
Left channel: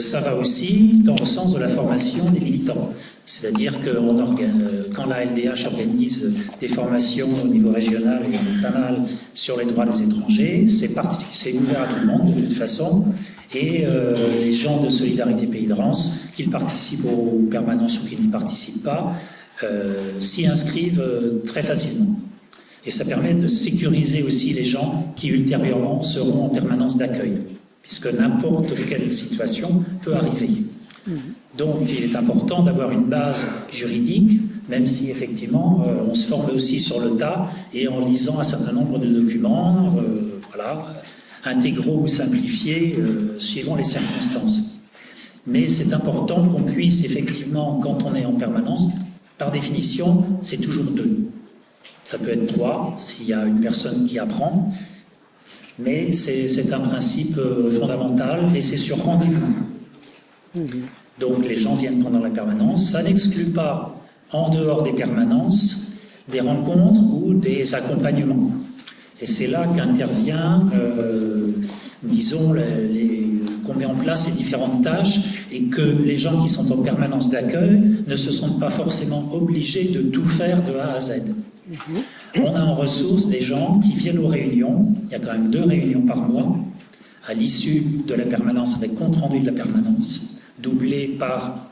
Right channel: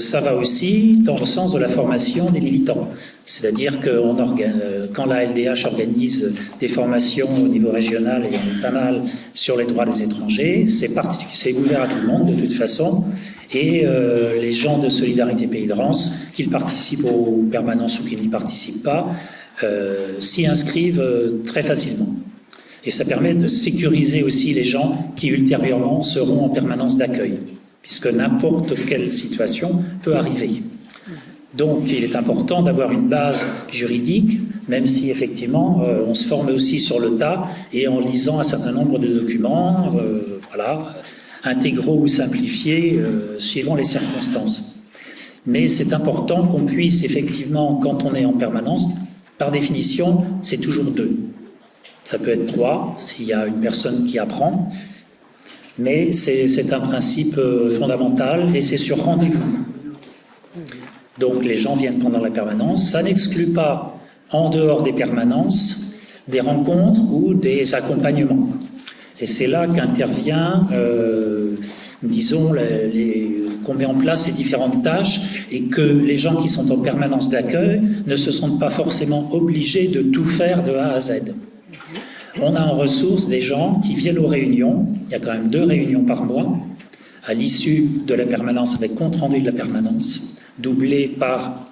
ça va aussi dans le sens de la formation des militants. C'est-à-dire que quand la LDH organise des formations au niveau régional, et il y en a pas mal sur les droits des étrangers, c'est ouvert à tout le monde de toute façon. Et les gens de Solidarité Pays de Rance, qu'ils participent aux permanences ou qu'ils n'y participent pas, s'y inscrivent très facilement. Et ça permet de sécuriser aussi les gens qui ultérieurement seront en permanence d'accueil, puisque n'importe quelle situation peut arriver. Donc il est important d'avoir une base juridique, même si effectivement on se forme aussi sur le tas et en lisant un certain nombre de documents, intégraux ou simplifiés, suivant les circonstances. Mais c'est important qu'on puisse effectivement, quand on est en permanence, par définition, c'est toujours 2. Ça peut être 3 s'il y a une personne qui apprend, mais c'est un principe fondamental et c'est sur rendez-vous. Donc les gens viennent pendant la permanence. Ça n'exclut pas, en dehors des permanences, des rencontres ou des accompagnements. Et c'est là qu'intervient, disons, qu'on met en place ces différentes tâches et que les gens qui sont en permanence d'accueil ne se sentent pas forcément obligés de tout faire de A à Z. On a en ressource des gens qui viennent aux réunions, il y a quand même 2 réunions par mois, à l'issue de la permanence avec compte-rendu de la permanence, doublé par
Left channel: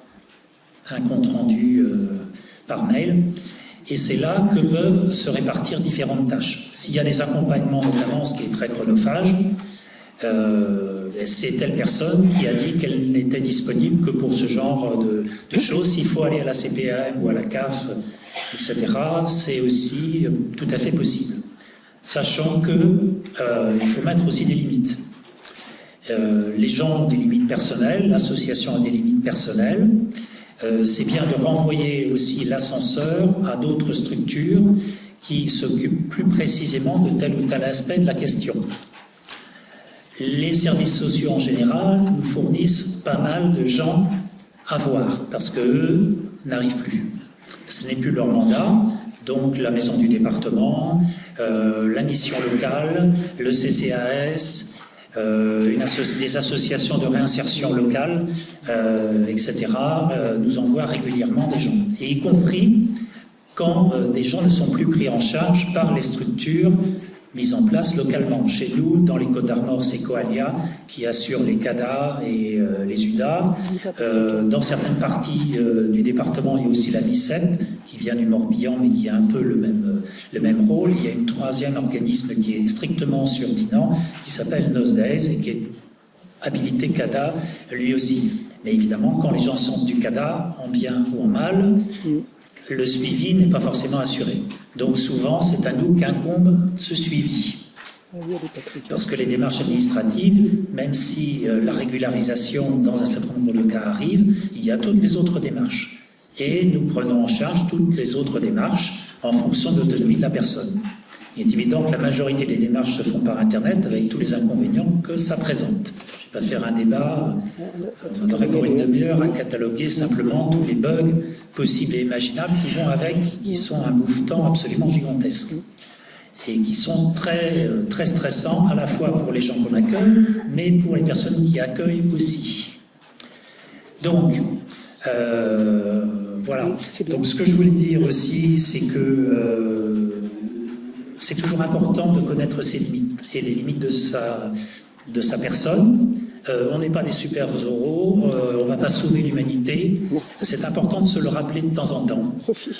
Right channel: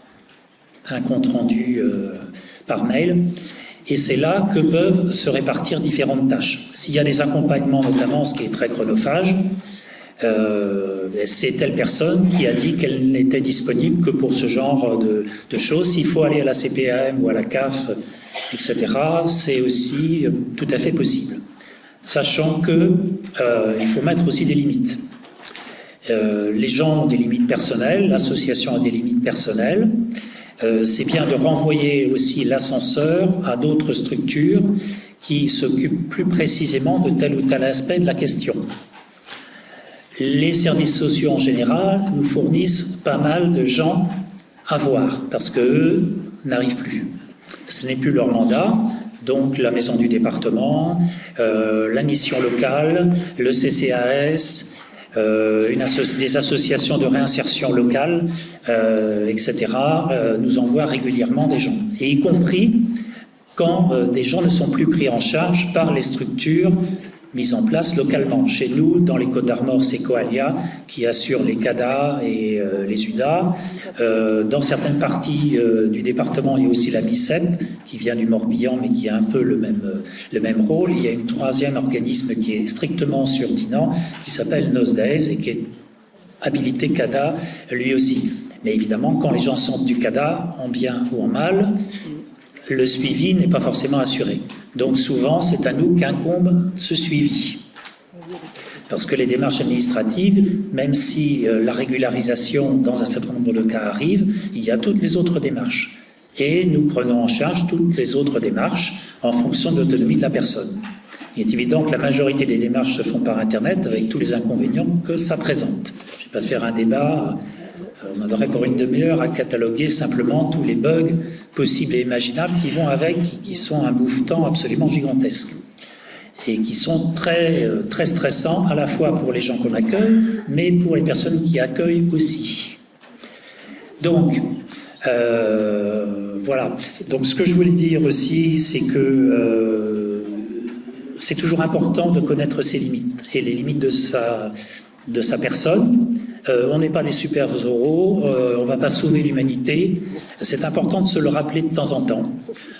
un compte-rendu par mail. Et c'est là que peuvent se répartir différentes tâches. S'il y a des accompagnements, notamment, ce qui est très chronophage, c'est telle personne qui a dit qu'elle n'était disponible que pour ce genre de choses. S'il faut aller à la CPAM ou à la CAF, etc., c'est aussi tout à fait possible. Sachant qu'il faut mettre aussi des limites. Les gens ont des limites personnelles, l'association a des limites personnelles. C'est bien de renvoyer aussi l'ascenseur à d'autres structures qui s'occupent plus précisément de tel ou tel aspect de la question. Les services sociaux en général nous fournissent pas mal de gens à voir parce qu'eux n'arrivent plus. Ce n'est plus leur mandat, donc la maison du département, la mission locale, le CCAS, des associations de réinsertion locale, etc., nous envoient régulièrement des gens. Et y compris quand des gens ne sont plus pris en charge par les structures mises en place localement. Chez nous, dans les Côtes-d'Armor, c'est Coalia qui assure les CADA et les UDA. Dans certaines parties du département, il y a aussi la MICEP qui vient du Morbihan, mais qui a un peu le même rôle. Il y a un 3e organisme qui est strictement sur Dinan, qui s'appelle NOSDAES et qui est habilité CADA lui aussi. Mais évidemment, quand les gens sortent du CADA, en bien ou en mal, le suivi n'est pas forcément assuré. Donc souvent, c'est à nous qu'incombe ce suivi. Parce que les démarches administratives, même si la régularisation dans un certain nombre de cas arrive, il y a toutes les autres démarches. Et nous prenons en charge toutes les autres démarches en fonction de l'autonomie de la personne. Il est évident que la majorité des démarches se font par Internet avec tous les inconvénients que ça présente. Je ne vais pas faire un débat, on en aurait pour une demi-heure à cataloguer simplement tous les bugs possibles et imaginables qui vont avec, qui sont un bouffetant absolument gigantesque et qui sont très, très stressants à la fois pour les gens qu'on accueille, mais pour les personnes qui accueillent aussi. Donc, voilà. Donc, ce que je voulais dire aussi, c'est que c'est toujours important de connaître ses limites et les limites de sa personne. On n'est pas des super-héros, on ne va pas sauver l'humanité. C'est important de se le rappeler de temps en temps.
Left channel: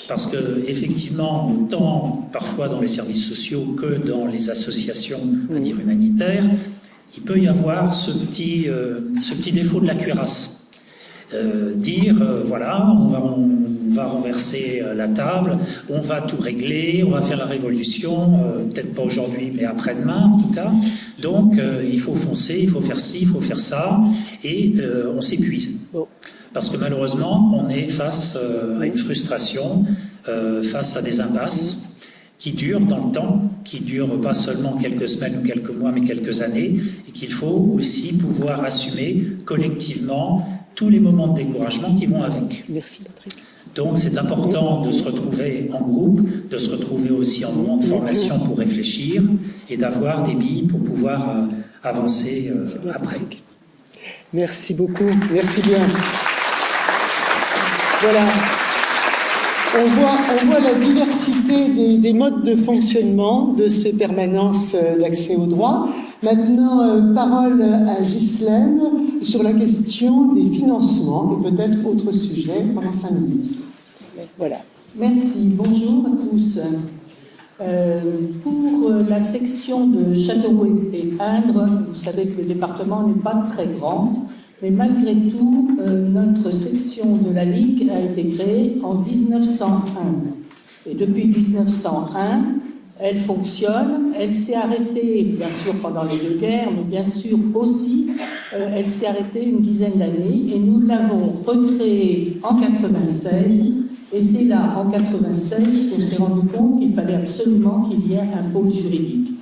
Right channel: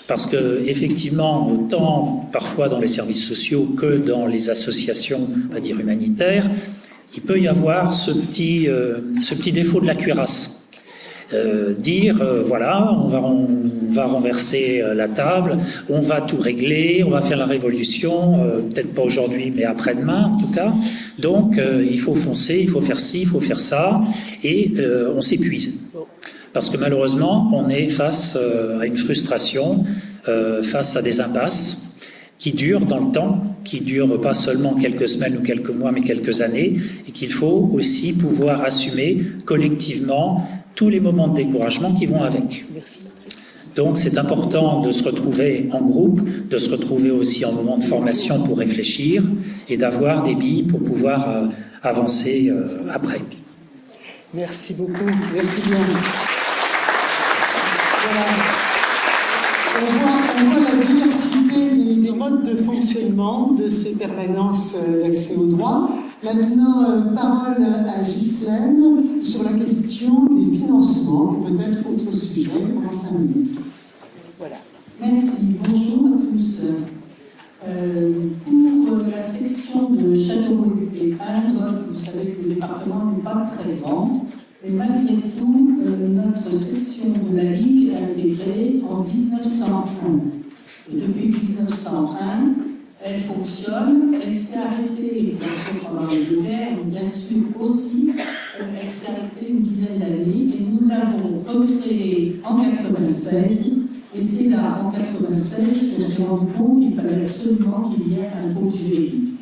Parce que, effectivement, autant parfois dans les services sociaux que dans les associations, on va dire, humanitaires, il peut y avoir ce petit défaut de la cuirasse. dire voilà, on va renverser la table, on va tout régler, on va faire la révolution, peut-être pas aujourd'hui, mais après-demain en tout cas. Donc il faut foncer, il faut faire ci, il faut faire ça, et on s'épuise. Parce que malheureusement, on est face à une frustration, face à des impasses qui durent dans le temps, qui durent pas seulement quelques semaines ou quelques mois, mais quelques années, et qu'il faut aussi pouvoir assumer collectivement tous les moments de découragement qui vont avec. Merci Patrick. Donc c'est important de se retrouver en groupe, de se retrouver aussi en moment de formation pour réfléchir et d'avoir des billes pour pouvoir avancer après. Merci beaucoup. Merci bien. Voilà. On voit la diversité des modes de fonctionnement de ces permanences d'accès au droit. Maintenant, parole à Ghislaine sur la question des financements et peut-être autre sujet pendant 5 minutes. Voilà. Merci, bonjour à tous. Pour la section de Châteauroux et Indre, vous savez que le département n'est pas très grand, mais malgré tout, notre section de la Ligue a été créée en 1901. Et depuis 1901, elle fonctionne, elle s'est arrêtée, bien sûr, pendant les 2 guerres, mais bien sûr aussi, elle s'est arrêtée une dizaine d'années, et nous l'avons recréée en 1996. Et c'est là, en 1996, qu'on s'est rendu compte qu'il fallait absolument qu'il y ait un pôle juridique.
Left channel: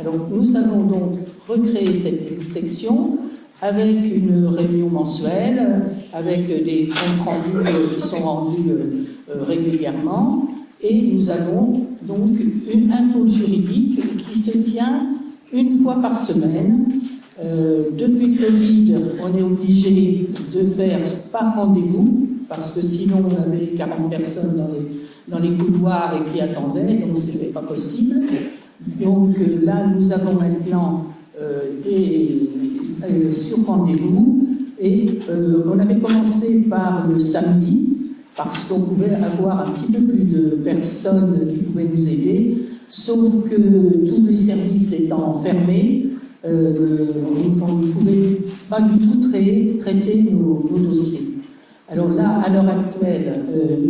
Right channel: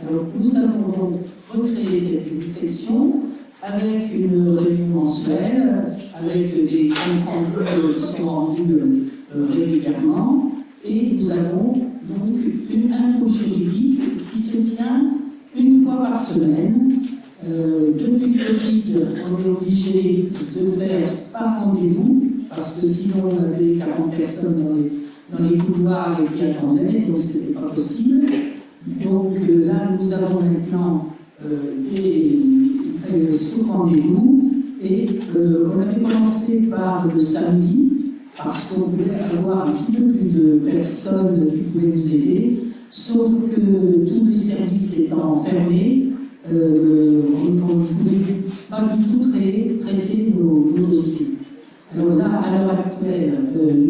Alors, nous avons donc recréé cette section avec une réunion mensuelle, avec des comptes rendus qui sont rendus régulièrement. Et nous avons donc un pôle juridique qui se tient une fois par semaine. Depuis le Covid, on est obligé de faire par rendez-vous, parce que sinon on avait 40 personnes dans les couloirs et qui attendaient, donc ce n'était pas possible. Donc là, nous avons maintenant sur rendez-vous, et on avait commencé par le samedi, parce qu'on pouvait avoir un petit peu plus de personnes qui pouvaient nous aider, sauf que tous les services étant fermés, on ne pouvait pas du tout traiter nos dossiers. Alors là, à l'heure actuelle,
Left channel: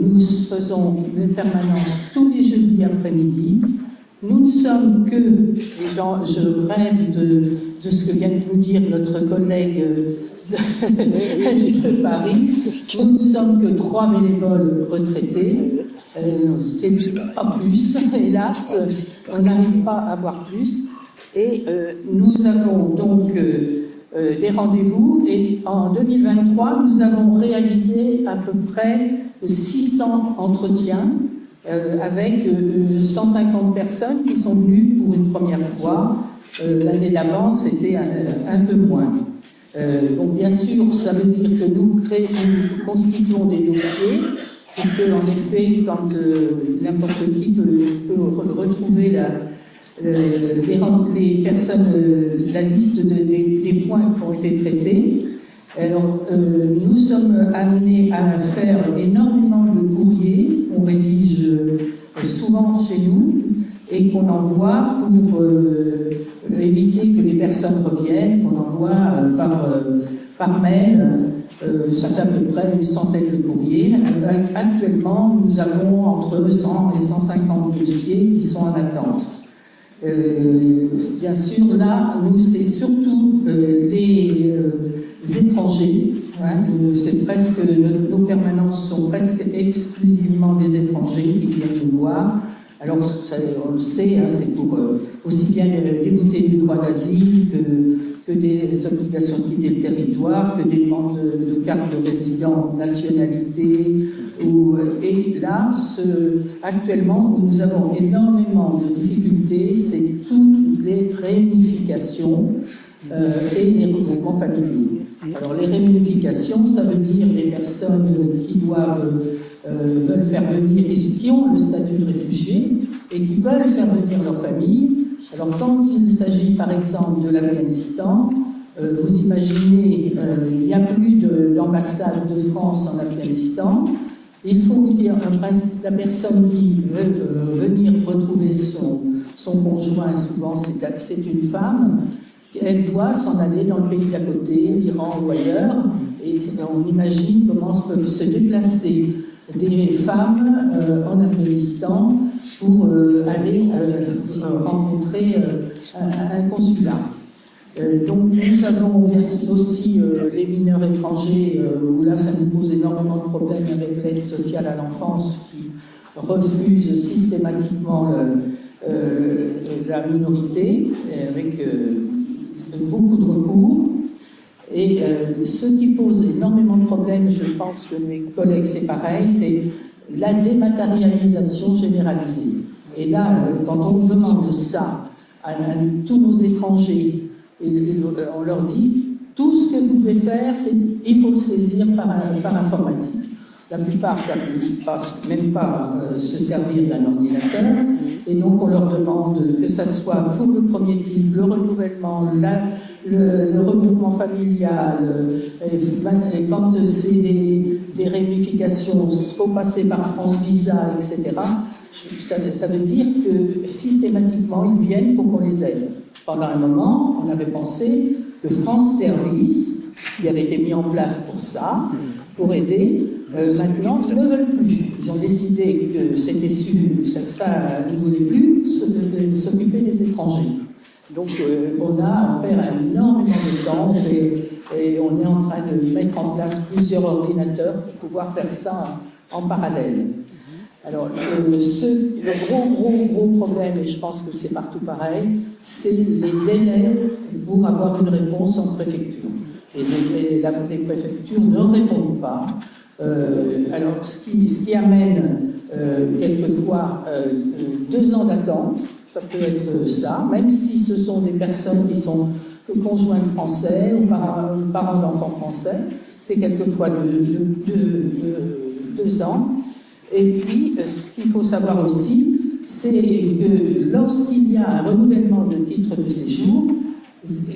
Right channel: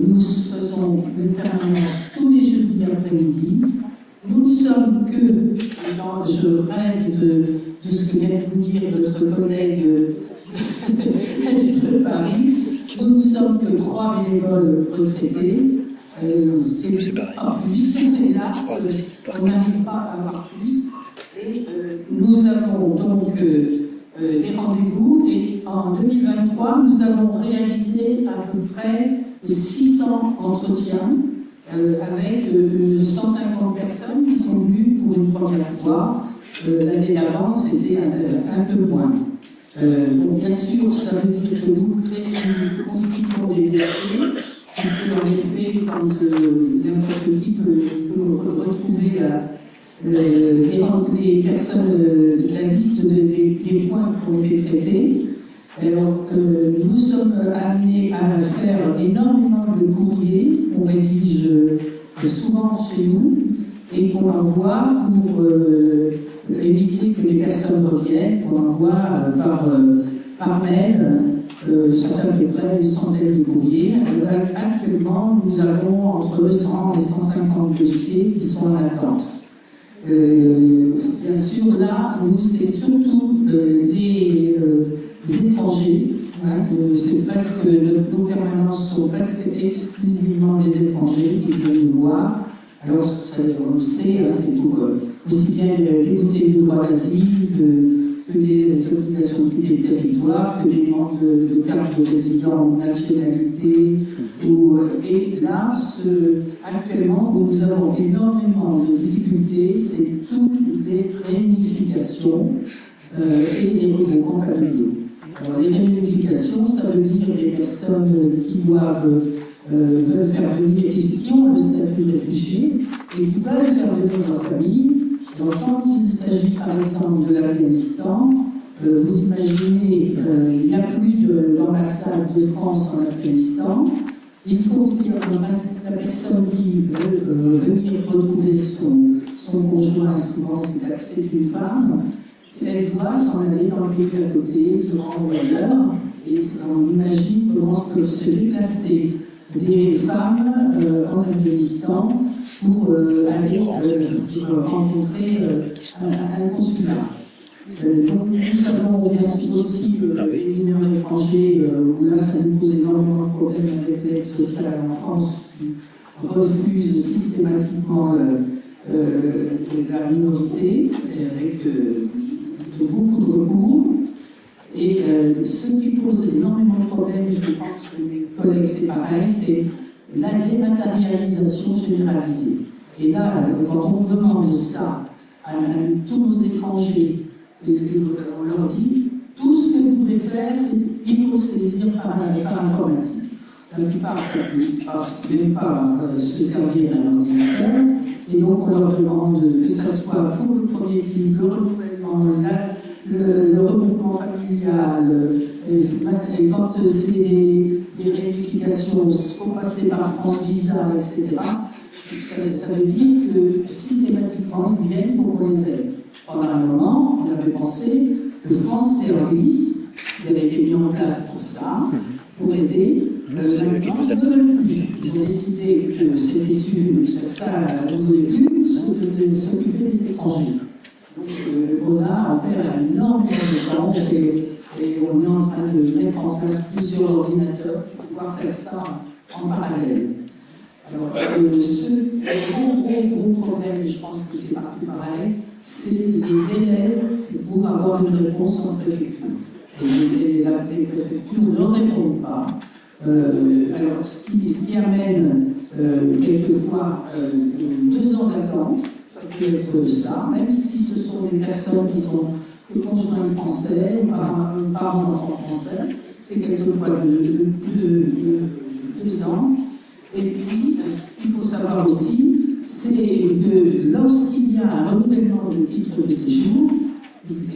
nous faisons une permanence tous les jeudis après-midi. Nous ne sommes que, je rêve de ce que vient de nous dire notre collègue de Paris, nous ne sommes que 3 bénévoles retraités. C'est pas plus, hélas, on n'arrive pas à avoir plus. Et nous avons donc des rendez-vous, et en 2023, nous avons réalisé à peu près 600 entretiens avec 150 personnes qui sont venues pour une première fois. L'année d'avant, c'était un peu moins. Donc bien sûr, ça veut dire que nous constituons des dossiers, et qu'en effet, quand n'importe qui peut retrouver les personnes, la liste des points qui ont été traités. Alors, nous sommes amenés à faire énormément de courriers qu'on rédige souvent chez nous et qu'on envoie pour éviter que les personnes reviennent, qu'on envoie par mail, à peu près une centaine de courriers. Actuellement, nous avons entre 100 et 150 dossiers qui sont en attente. Bien sûr, là, nous, c'est surtout les étrangers. Hein, c'est presque, nos permanences sont presque exclusivement des étrangers qui viennent nous voir. Alors, ça, on le sait, hein, c'est pour aussi bien débouter du droit d'asile que des obligations de quitter le territoire, que des demandes de carte de résident ou nationalité. Et là, actuellement, où nous avons énormément de difficultés, c'est toutes les réunifications et les regroupements familiaux. Alors, les réunifications, ça veut dire les personnes qui veulent faire venir, et qui ont le statut de réfugié, et qui veulent faire venir leur famille. Alors, quand il s'agit, par exemple, de l'Afghanistan, vous imaginez, il n'y a plus d'ambassade de France en Afghanistan. Il faut vous dire, la personne qui veut venir retrouver son conjoint, souvent c'est une femme, elle doit s'en aller dans le pays d'à côté, l'Iran ou ailleurs, Et on imagine comment peuvent se déplacer des femmes en Afghanistan pour aller rencontrer un consulat. Donc nous avons bien sûr aussi les mineurs étrangers, où là ça nous pose énormément de problèmes avec l'aide sociale à l'enfance qui refuse systématiquement la minorité, avec beaucoup de recours. Et ce qui pose énormément de problèmes, je pense que mes collègues c'est pareil, c'est la dématérialisation généralisée. Et là, quand on demande ça à tous nos étrangers, on leur dit, tout ce que vous devez faire, il faut le saisir par informatique. La plupart ne savent même pas se servir d'un ordinateur, et donc on leur demande que ça soit pour le premier titre, le renouvellement, le regroupement familial, et quand c'est des réunifications, il faut passer par France Visa, etc. Ça veut dire que systématiquement, ils viennent pour qu'on les aide. Pendant un moment, on avait pensé que France Service, qui avait été mis en place pour ça, pour aider, maintenant ne veulent plus. Ils ont décidé que c'était ça ne voulait plus s'occuper des étrangers. Donc on perd énormément de temps et on est en train de mettre en place plusieurs ordinateurs pour pouvoir faire ça en parallèle. Alors, le gros problème, et je pense que c'est partout pareil, c'est les délais pour avoir une réponse en préfecture. Et les préfectures ne répondent pas. Alors, ce qui amène quelquefois 2 ans d'attente, ça peut être ça, même si ce sont des personnes qui sont conjoints français ou parents d'enfants français, c'est quelquefois 2 ans. Et puis, ce qu'il faut savoir aussi, c'est que lorsqu'il y a un renouvellement de titre de séjour,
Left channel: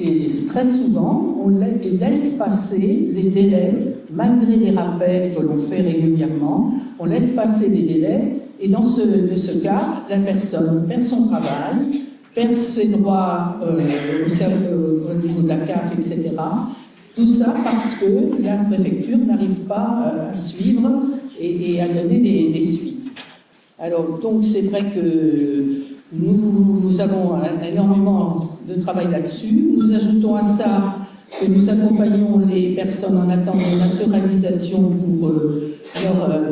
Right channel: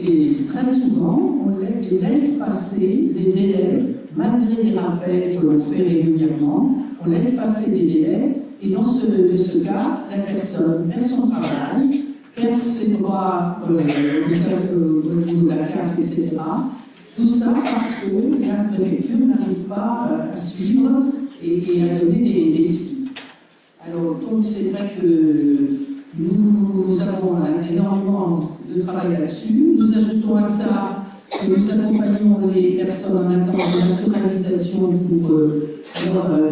et très souvent, on laisse passer les délais, malgré les rappels que l'on fait régulièrement, on laisse passer les délais, et dans ce cas, la personne perd son travail, perd ses droits au niveau de la CAF, etc. Tout ça parce que la préfecture n'arrive pas à suivre et à donner des suites. Alors, donc, c'est vrai que nous avons énormément de travail là-dessus. Nous ajoutons à ça que nous accompagnons les personnes en attente de naturalisation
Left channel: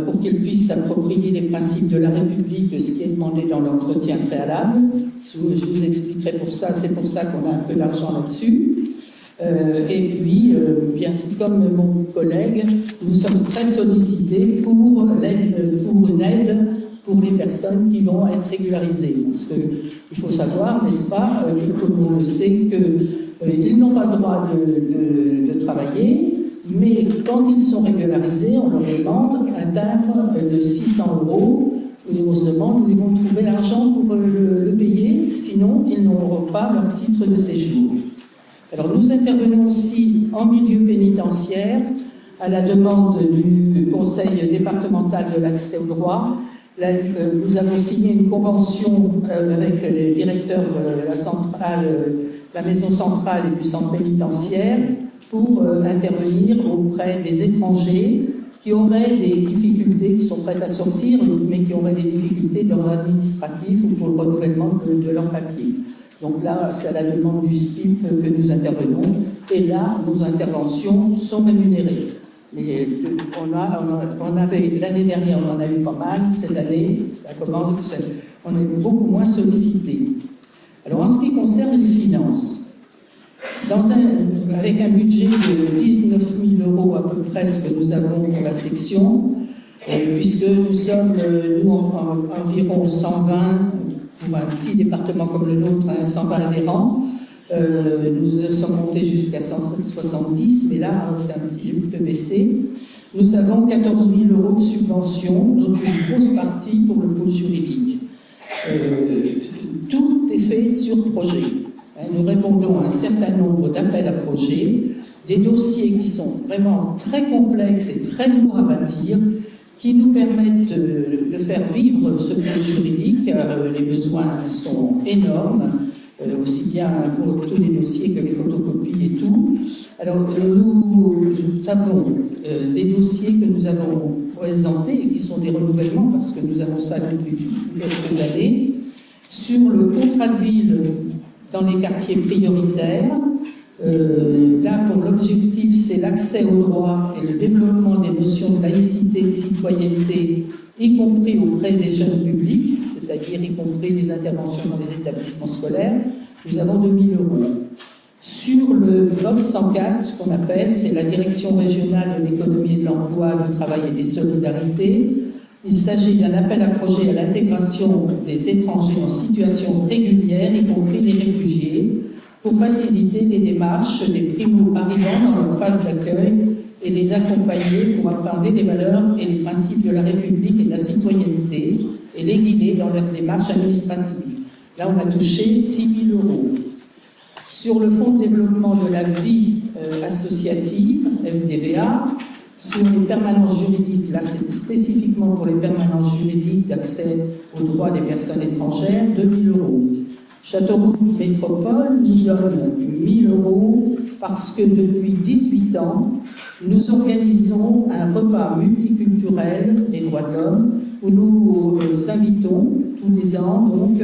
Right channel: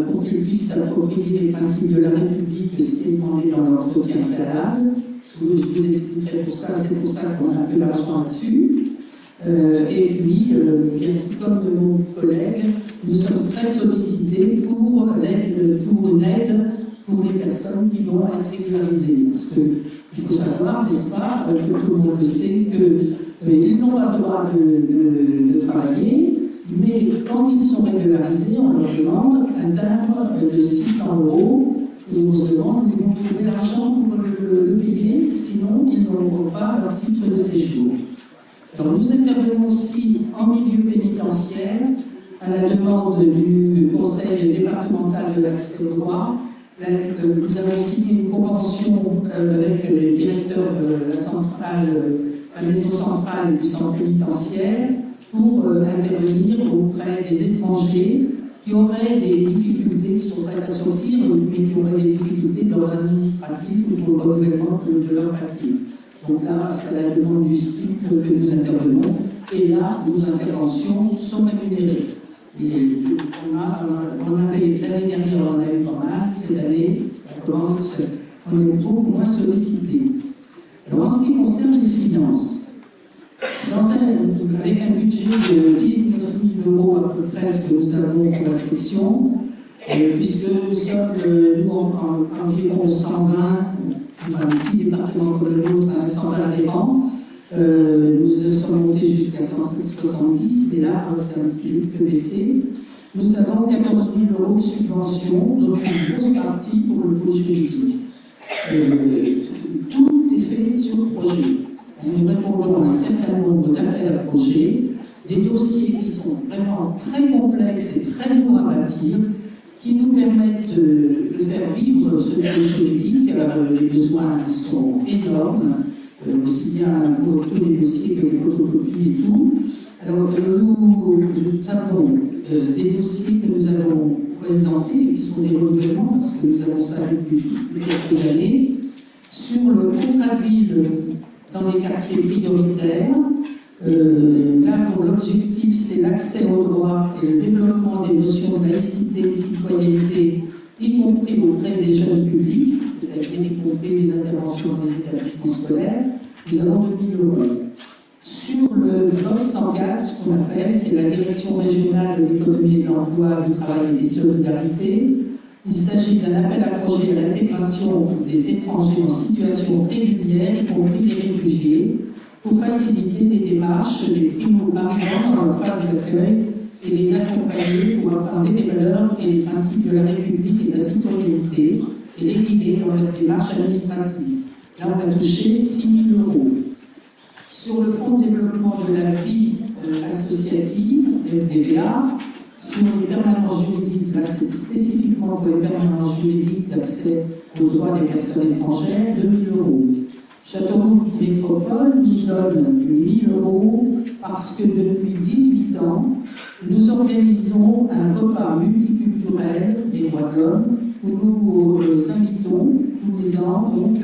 pour qu'elles puissent s'approprier les principes de la République, ce qui est demandé dans l'entretien préalable. Je vous expliquerai pour ça, c'est pour ça qu'on a un peu d'argent là-dessus. Et puis, bien sûr, comme mon collègue, nous sommes très sollicités pour une aide pour les personnes qui vont être régularisées. Parce qu'il faut savoir, n'est-ce pas, tout le monde le sait, qu'ils n'ont pas le droit de travailler, mais quand ils sont régularisés, on leur demande un timbre de 600 €, et on se demande où ils vont trouver l'argent pour le payer, sinon ils n'auront pas leur titre de séjour. Alors nous intervenons aussi en milieu pénitentiaire à la demande du Conseil départemental de l'accès au droit. Là, nous avons signé une convention avec les directeurs de la maison centrale et du centre pénitentiaire pour intervenir auprès des étrangers qui auraient des difficultés, qui sont prêts à sortir, mais qui auraient des difficultés dans l'administratif ou pour le renouvellement de leurs papiers. Donc là, c'est à la demande du SPIP que nous intervenons, et là, nos interventions sont rémunérées. Mais l'année dernière, on en a eu pas mal, cette année, on est beaucoup moins sollicités. Alors, en ce qui concerne les finances, avec un budget de 19 000 € à peu près, ce que nous avons dans la section, puisque nous sommes, environ 120, pour un petit département comme le nôtre, 120 adhérents, nous sommes montés jusqu'à 170, mais là, c'est un petit peu baissé. Nous avons 14 000 € de subventions, dont une grosse partie pour le pôle juridique. Tout est fait sur projet. Nous répondons à un certain nombre d'appels à projets, des dossiers qui sont vraiment très complexes et très lourds à bâtir, qui nous permettent de faire vivre ce pôle juridique. Les besoins sont énormes aussi bien pour tous les dossiers que les photocopies et tout. Alors, nous avons des dossiers que nous avons présentés et qui sont des renouvellements, parce que nous avons ça depuis quelques années, sur le contrat de ville dans les quartiers prioritaires. Là, pour l'objectif, c'est l'accès aux droits et le développement des notions de laïcité et de citoyenneté, y compris auprès des jeunes publics, c'est-à-dire y compris les interventions dans les établissements scolaires. Nous avons 2 000 €. Sur le bloc 104, ce qu'on appelle, c'est la Direction régionale de l'économie et de l'emploi, du travail et des solidarités. Il s'agit d'un appel à projet à l'intégration des étrangers en situation régulière, y compris les réfugiés, pour faciliter les démarches des primo-arrivants dans leur phase d'accueil et les accompagner pour appréhender les valeurs et les principes de la République et de la citoyenneté et les guider dans leur démarche administrative. Là, on a touché 6 000 €. Sur le Fonds de développement de la vie associative, FDVA, sur les permanences juridiques, là c'est spécifiquement pour les permanences juridiques d'accès aux droits des personnes étrangères, 2 000 €. Châteauroux Métropole nous donne 1 000 € parce que depuis 18 ans, nous organisons un repas multiculturel des droits de l'homme où nous invitons tous les ans donc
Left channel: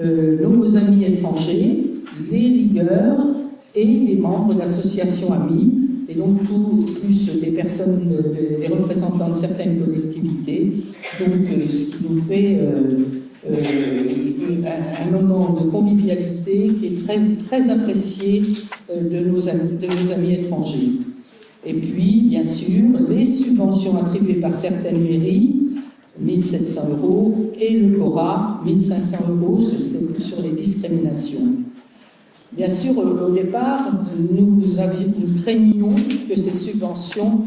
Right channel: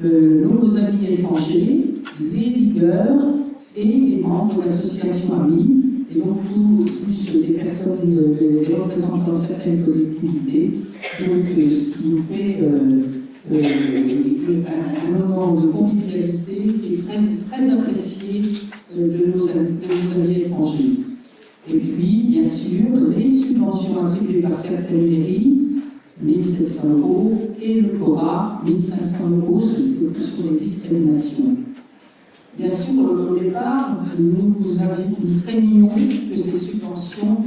nos amis étrangers, les ligueurs et des membres d'associations amies, et donc plus des personnes, des représentants de certaines collectivités, donc ce qui nous fait un moment de convivialité qui est très, très apprécié de nos amis étrangers. Et puis, bien sûr, les subventions attribuées par certaines mairies, 1 700 €, et le CORA, 1 500 € sur les discriminations. Bien sûr, au départ, nous craignions que ces subventions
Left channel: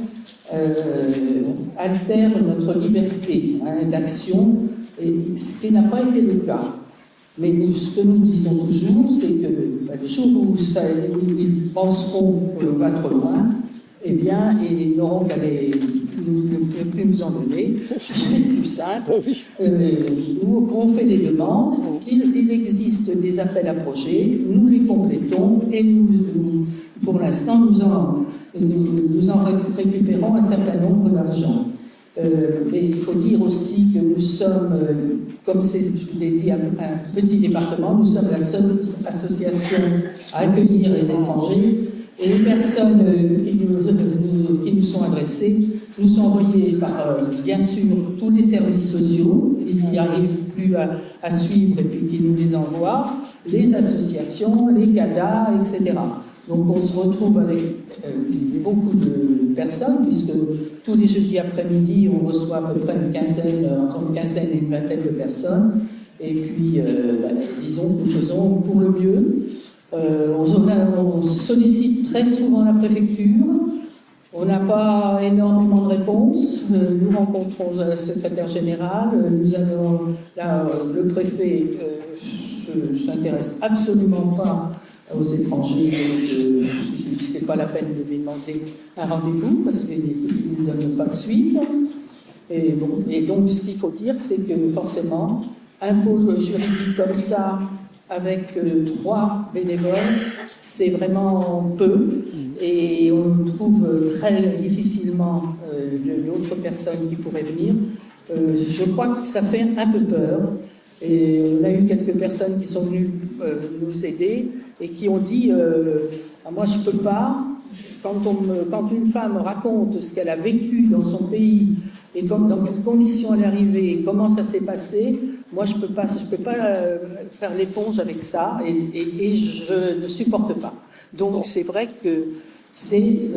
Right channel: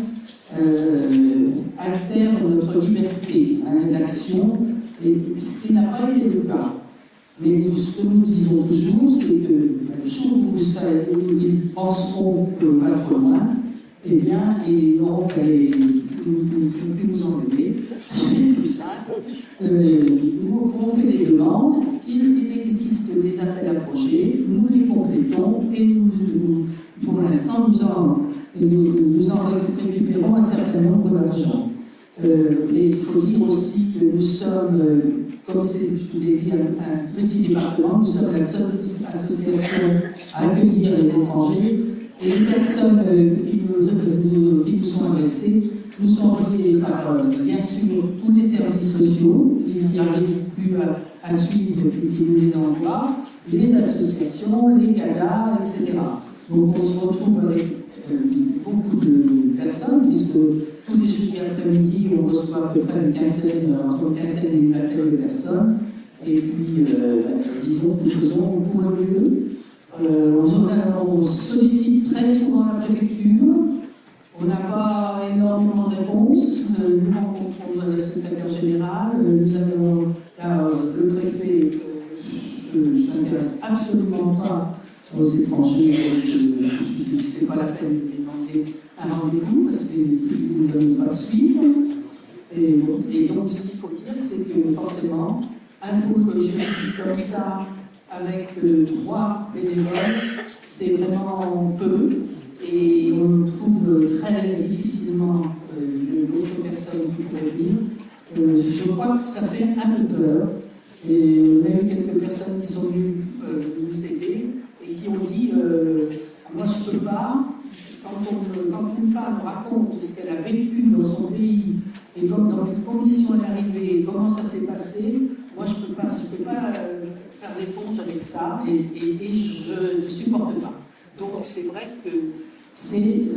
altèrent notre liberté d'action, ce qui n'a pas été le cas. Mais ce que nous disons toujours, c'est que le jour où ils penseront qu'on ne va pas trop loin, eh bien, ils n'auront qu'à ne plus nous en donner. C'est plus simple. Nous, on fait des demandes, il existe des appels à projets, nous les complétons et pour l'instant, nous en récupérons un certain nombre d'argent. Et il faut dire aussi que nous sommes, comme je vous l'ai dit, un petit département, nous sommes la seule association à accueillir les étrangers. Et les personnes qui nous sont adressées nous sont envoyées par, bien sûr, tous les services sociaux qui n'y arrivent plus à suivre et puis qui nous les envoient, les associations, les CADA, etc. Donc on se retrouve avec beaucoup de personnes, puisque tous les jeudis après-midi, on reçoit à peu près entre une quinzaine et une vingtaine de personnes. Et puis, disons que nous faisons pour le mieux. On sollicite très souvent la préfecture. On n'a pas énormément de réponses. Nous rencontrons le secrétaire général. Nous avons là, le préfet. Je ne s'intéresse absolument pas aux étrangers. Ce n'est pas la peine de lui demander un rendez-vous parce qu'il ne donne pas de suite. Et donc, ce qu'il faut dire, c'est que forcément, un pôle juridique comme ça, avec 3 bénévoles, c'est vraiment peu. Et on trouve très difficilement d'autres personnes qui pourraient venir. Je crois que ça fait un peu peur. Et on a eu quelques personnes qui sont venues nous aider et qui ont dit moi je ne peux pas. Quand une femme raconte ce qu'elle a vécu dans son pays et dans quelles conditions elle est arrivée et comment ça s'est passé, moi je peux pas faire l'éponge avec ça et je ne supporte pas. Donc c'est vrai que c'est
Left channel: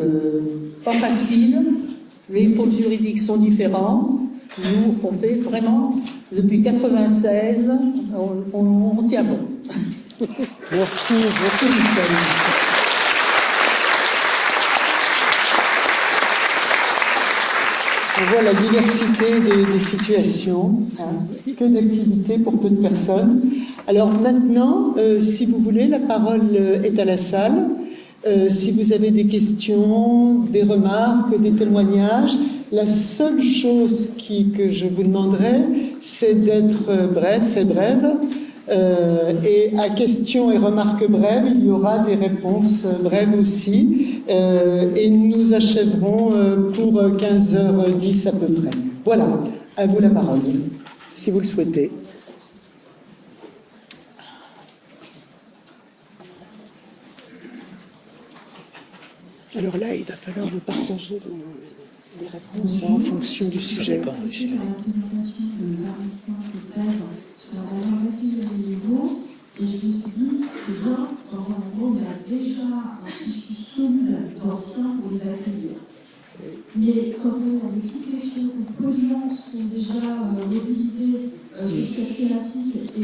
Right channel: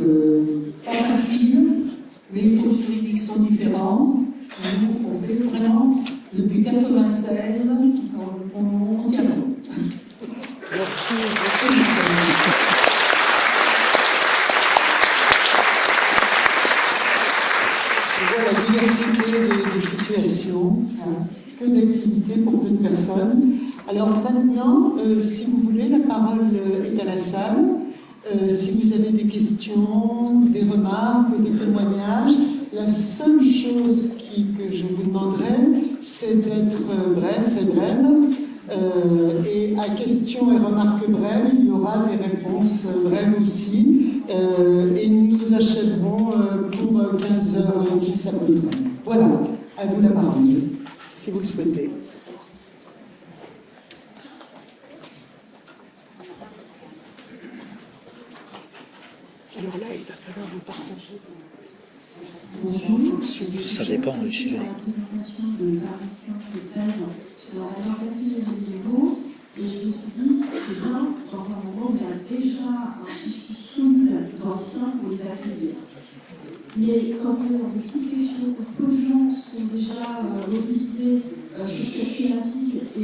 pas facile. Les pôles juridiques sont différents. Nous, on fait vraiment, depuis 1996, on tient bon. Merci. On voit la diversité des situations, que d'activités pour peu de personnes. Alors maintenant, si vous voulez, la parole est à la salle. Si vous avez des questions, des remarques, des témoignages, la seule chose que je vous demanderai, c'est d'être bref et brève. Et à questions et remarques brèves, il y aura des réponses brèves aussi. Et nous achèverons pour 15h10 à peu près. Voilà, à vous la parole, si vous le souhaitez. Alors là, il va falloir vous partager les réponses en fonction du Ça sujet. dépend du sujet. La présentation de Paris sur la dernière du niveau, et je me suis dit, c'est bien, dans un moment où il y a déjà un tissu souple d'anciens aux ateliers. Mais quand on a des petites sections où peu de gens sont déjà mobilisés sur cette thématique et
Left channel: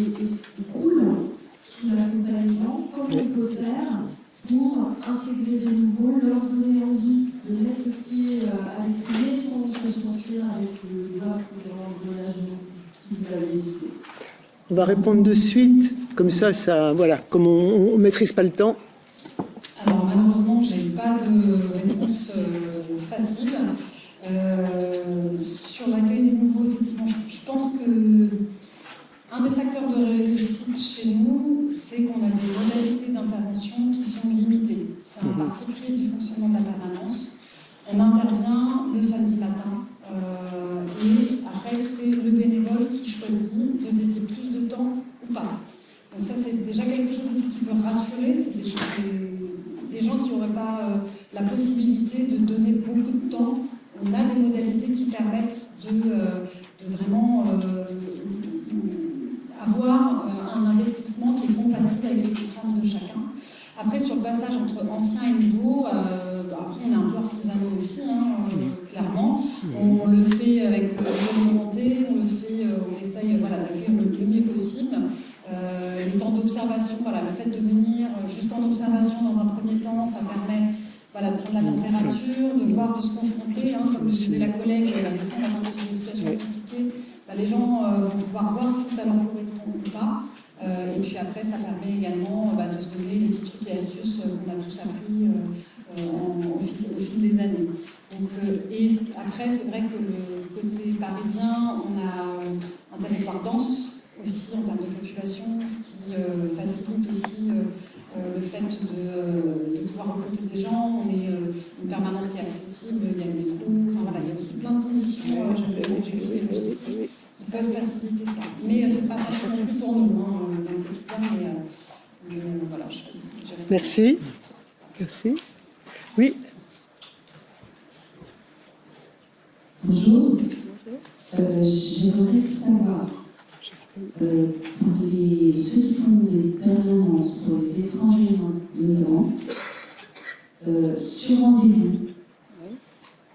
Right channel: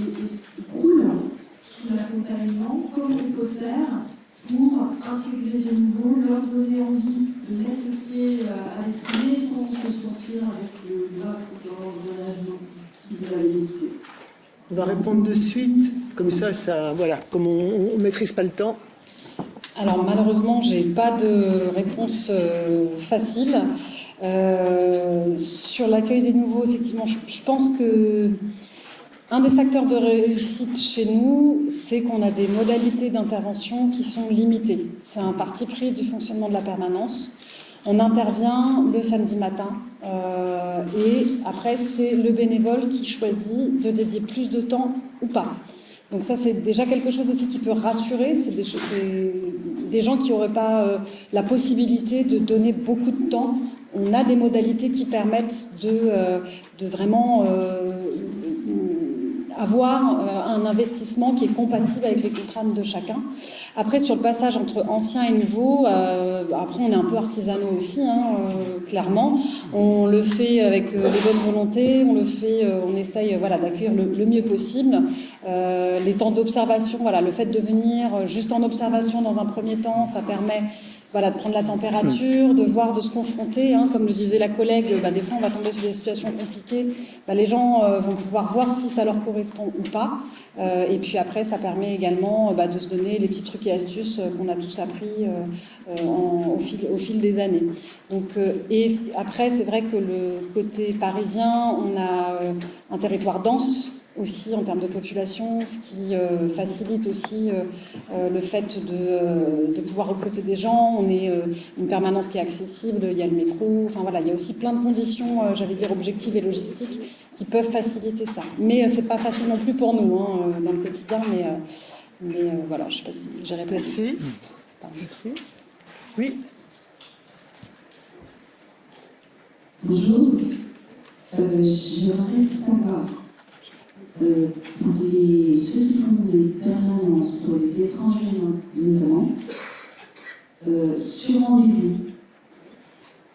coulent sous l'accompagnement, comment on peut faire pour intégrer des nouveaux, leur donner envie de mettre le pied à l'étrier sans se sentir avec le bas dans l'engagement, si vous avez des idées. On va répondre de suite, comme ça voilà, comme on ne maîtrise pas le temps. Alors malheureusement, j'ai pas de réponse facile. Sur l'accueil des nouveaux, effectivement, je pense que un des facteurs de réussite chez nous, c'est qu'on a des modalités d'intervention qui sont limitées. C'est un parti pris du fonctionnement de la permanence. On intervient le samedi matin et après, c'est le bénévole qui choisit de dédier plus de temps ou pas. Donc ça, c'est déjà quelque chose aussi qui peut rassurer. C'est des gens qui n'auraient pas la possibilité de donner beaucoup de temps. On a des modalités qui permettent de vraiment avoir un investissement qui est compatible avec les contraintes de chacun. Après, sur le passage entre anciens et nouveaux, après on est un peu artisanaux aussi, clairement. On le fait avec les bonnes volontés, on essaye d'accueillir le mieux possible. Les temps d'observation, le fait de venir juste en observation dans un premier temps, ça permet de prendre la température, de voir, de se confronter. Comme le disait la collègue, des fois on va tomber sur des situations compliquées. Les gens vont pouvoir voir si ça leur correspond ou pas. Et puis après, ça permet également de se donner les petits trucs et astuces qu'on a tous appris au fil des années. Donc, et après, c'est vrai que le côté parisien, on a un territoire dense aussi en termes de population, ce qui facilite aussi le fait de pouvoir recruter des gens. On est une permanence qui est accessible, il y a le métro, il y a aussi plein de conditions, j'allais dire objectives et logistiques, qui peuvent faciliter ça. Mais c'est pas facile non plus pour nous dans le quotidien, mais voilà, je sais pas si j'ai répondu. Merci. Merci. Oui. Bonjour. J'aimerais savoir, pour ceux qui font des permanences, pour les étrangers notamment, sur rendez-vous,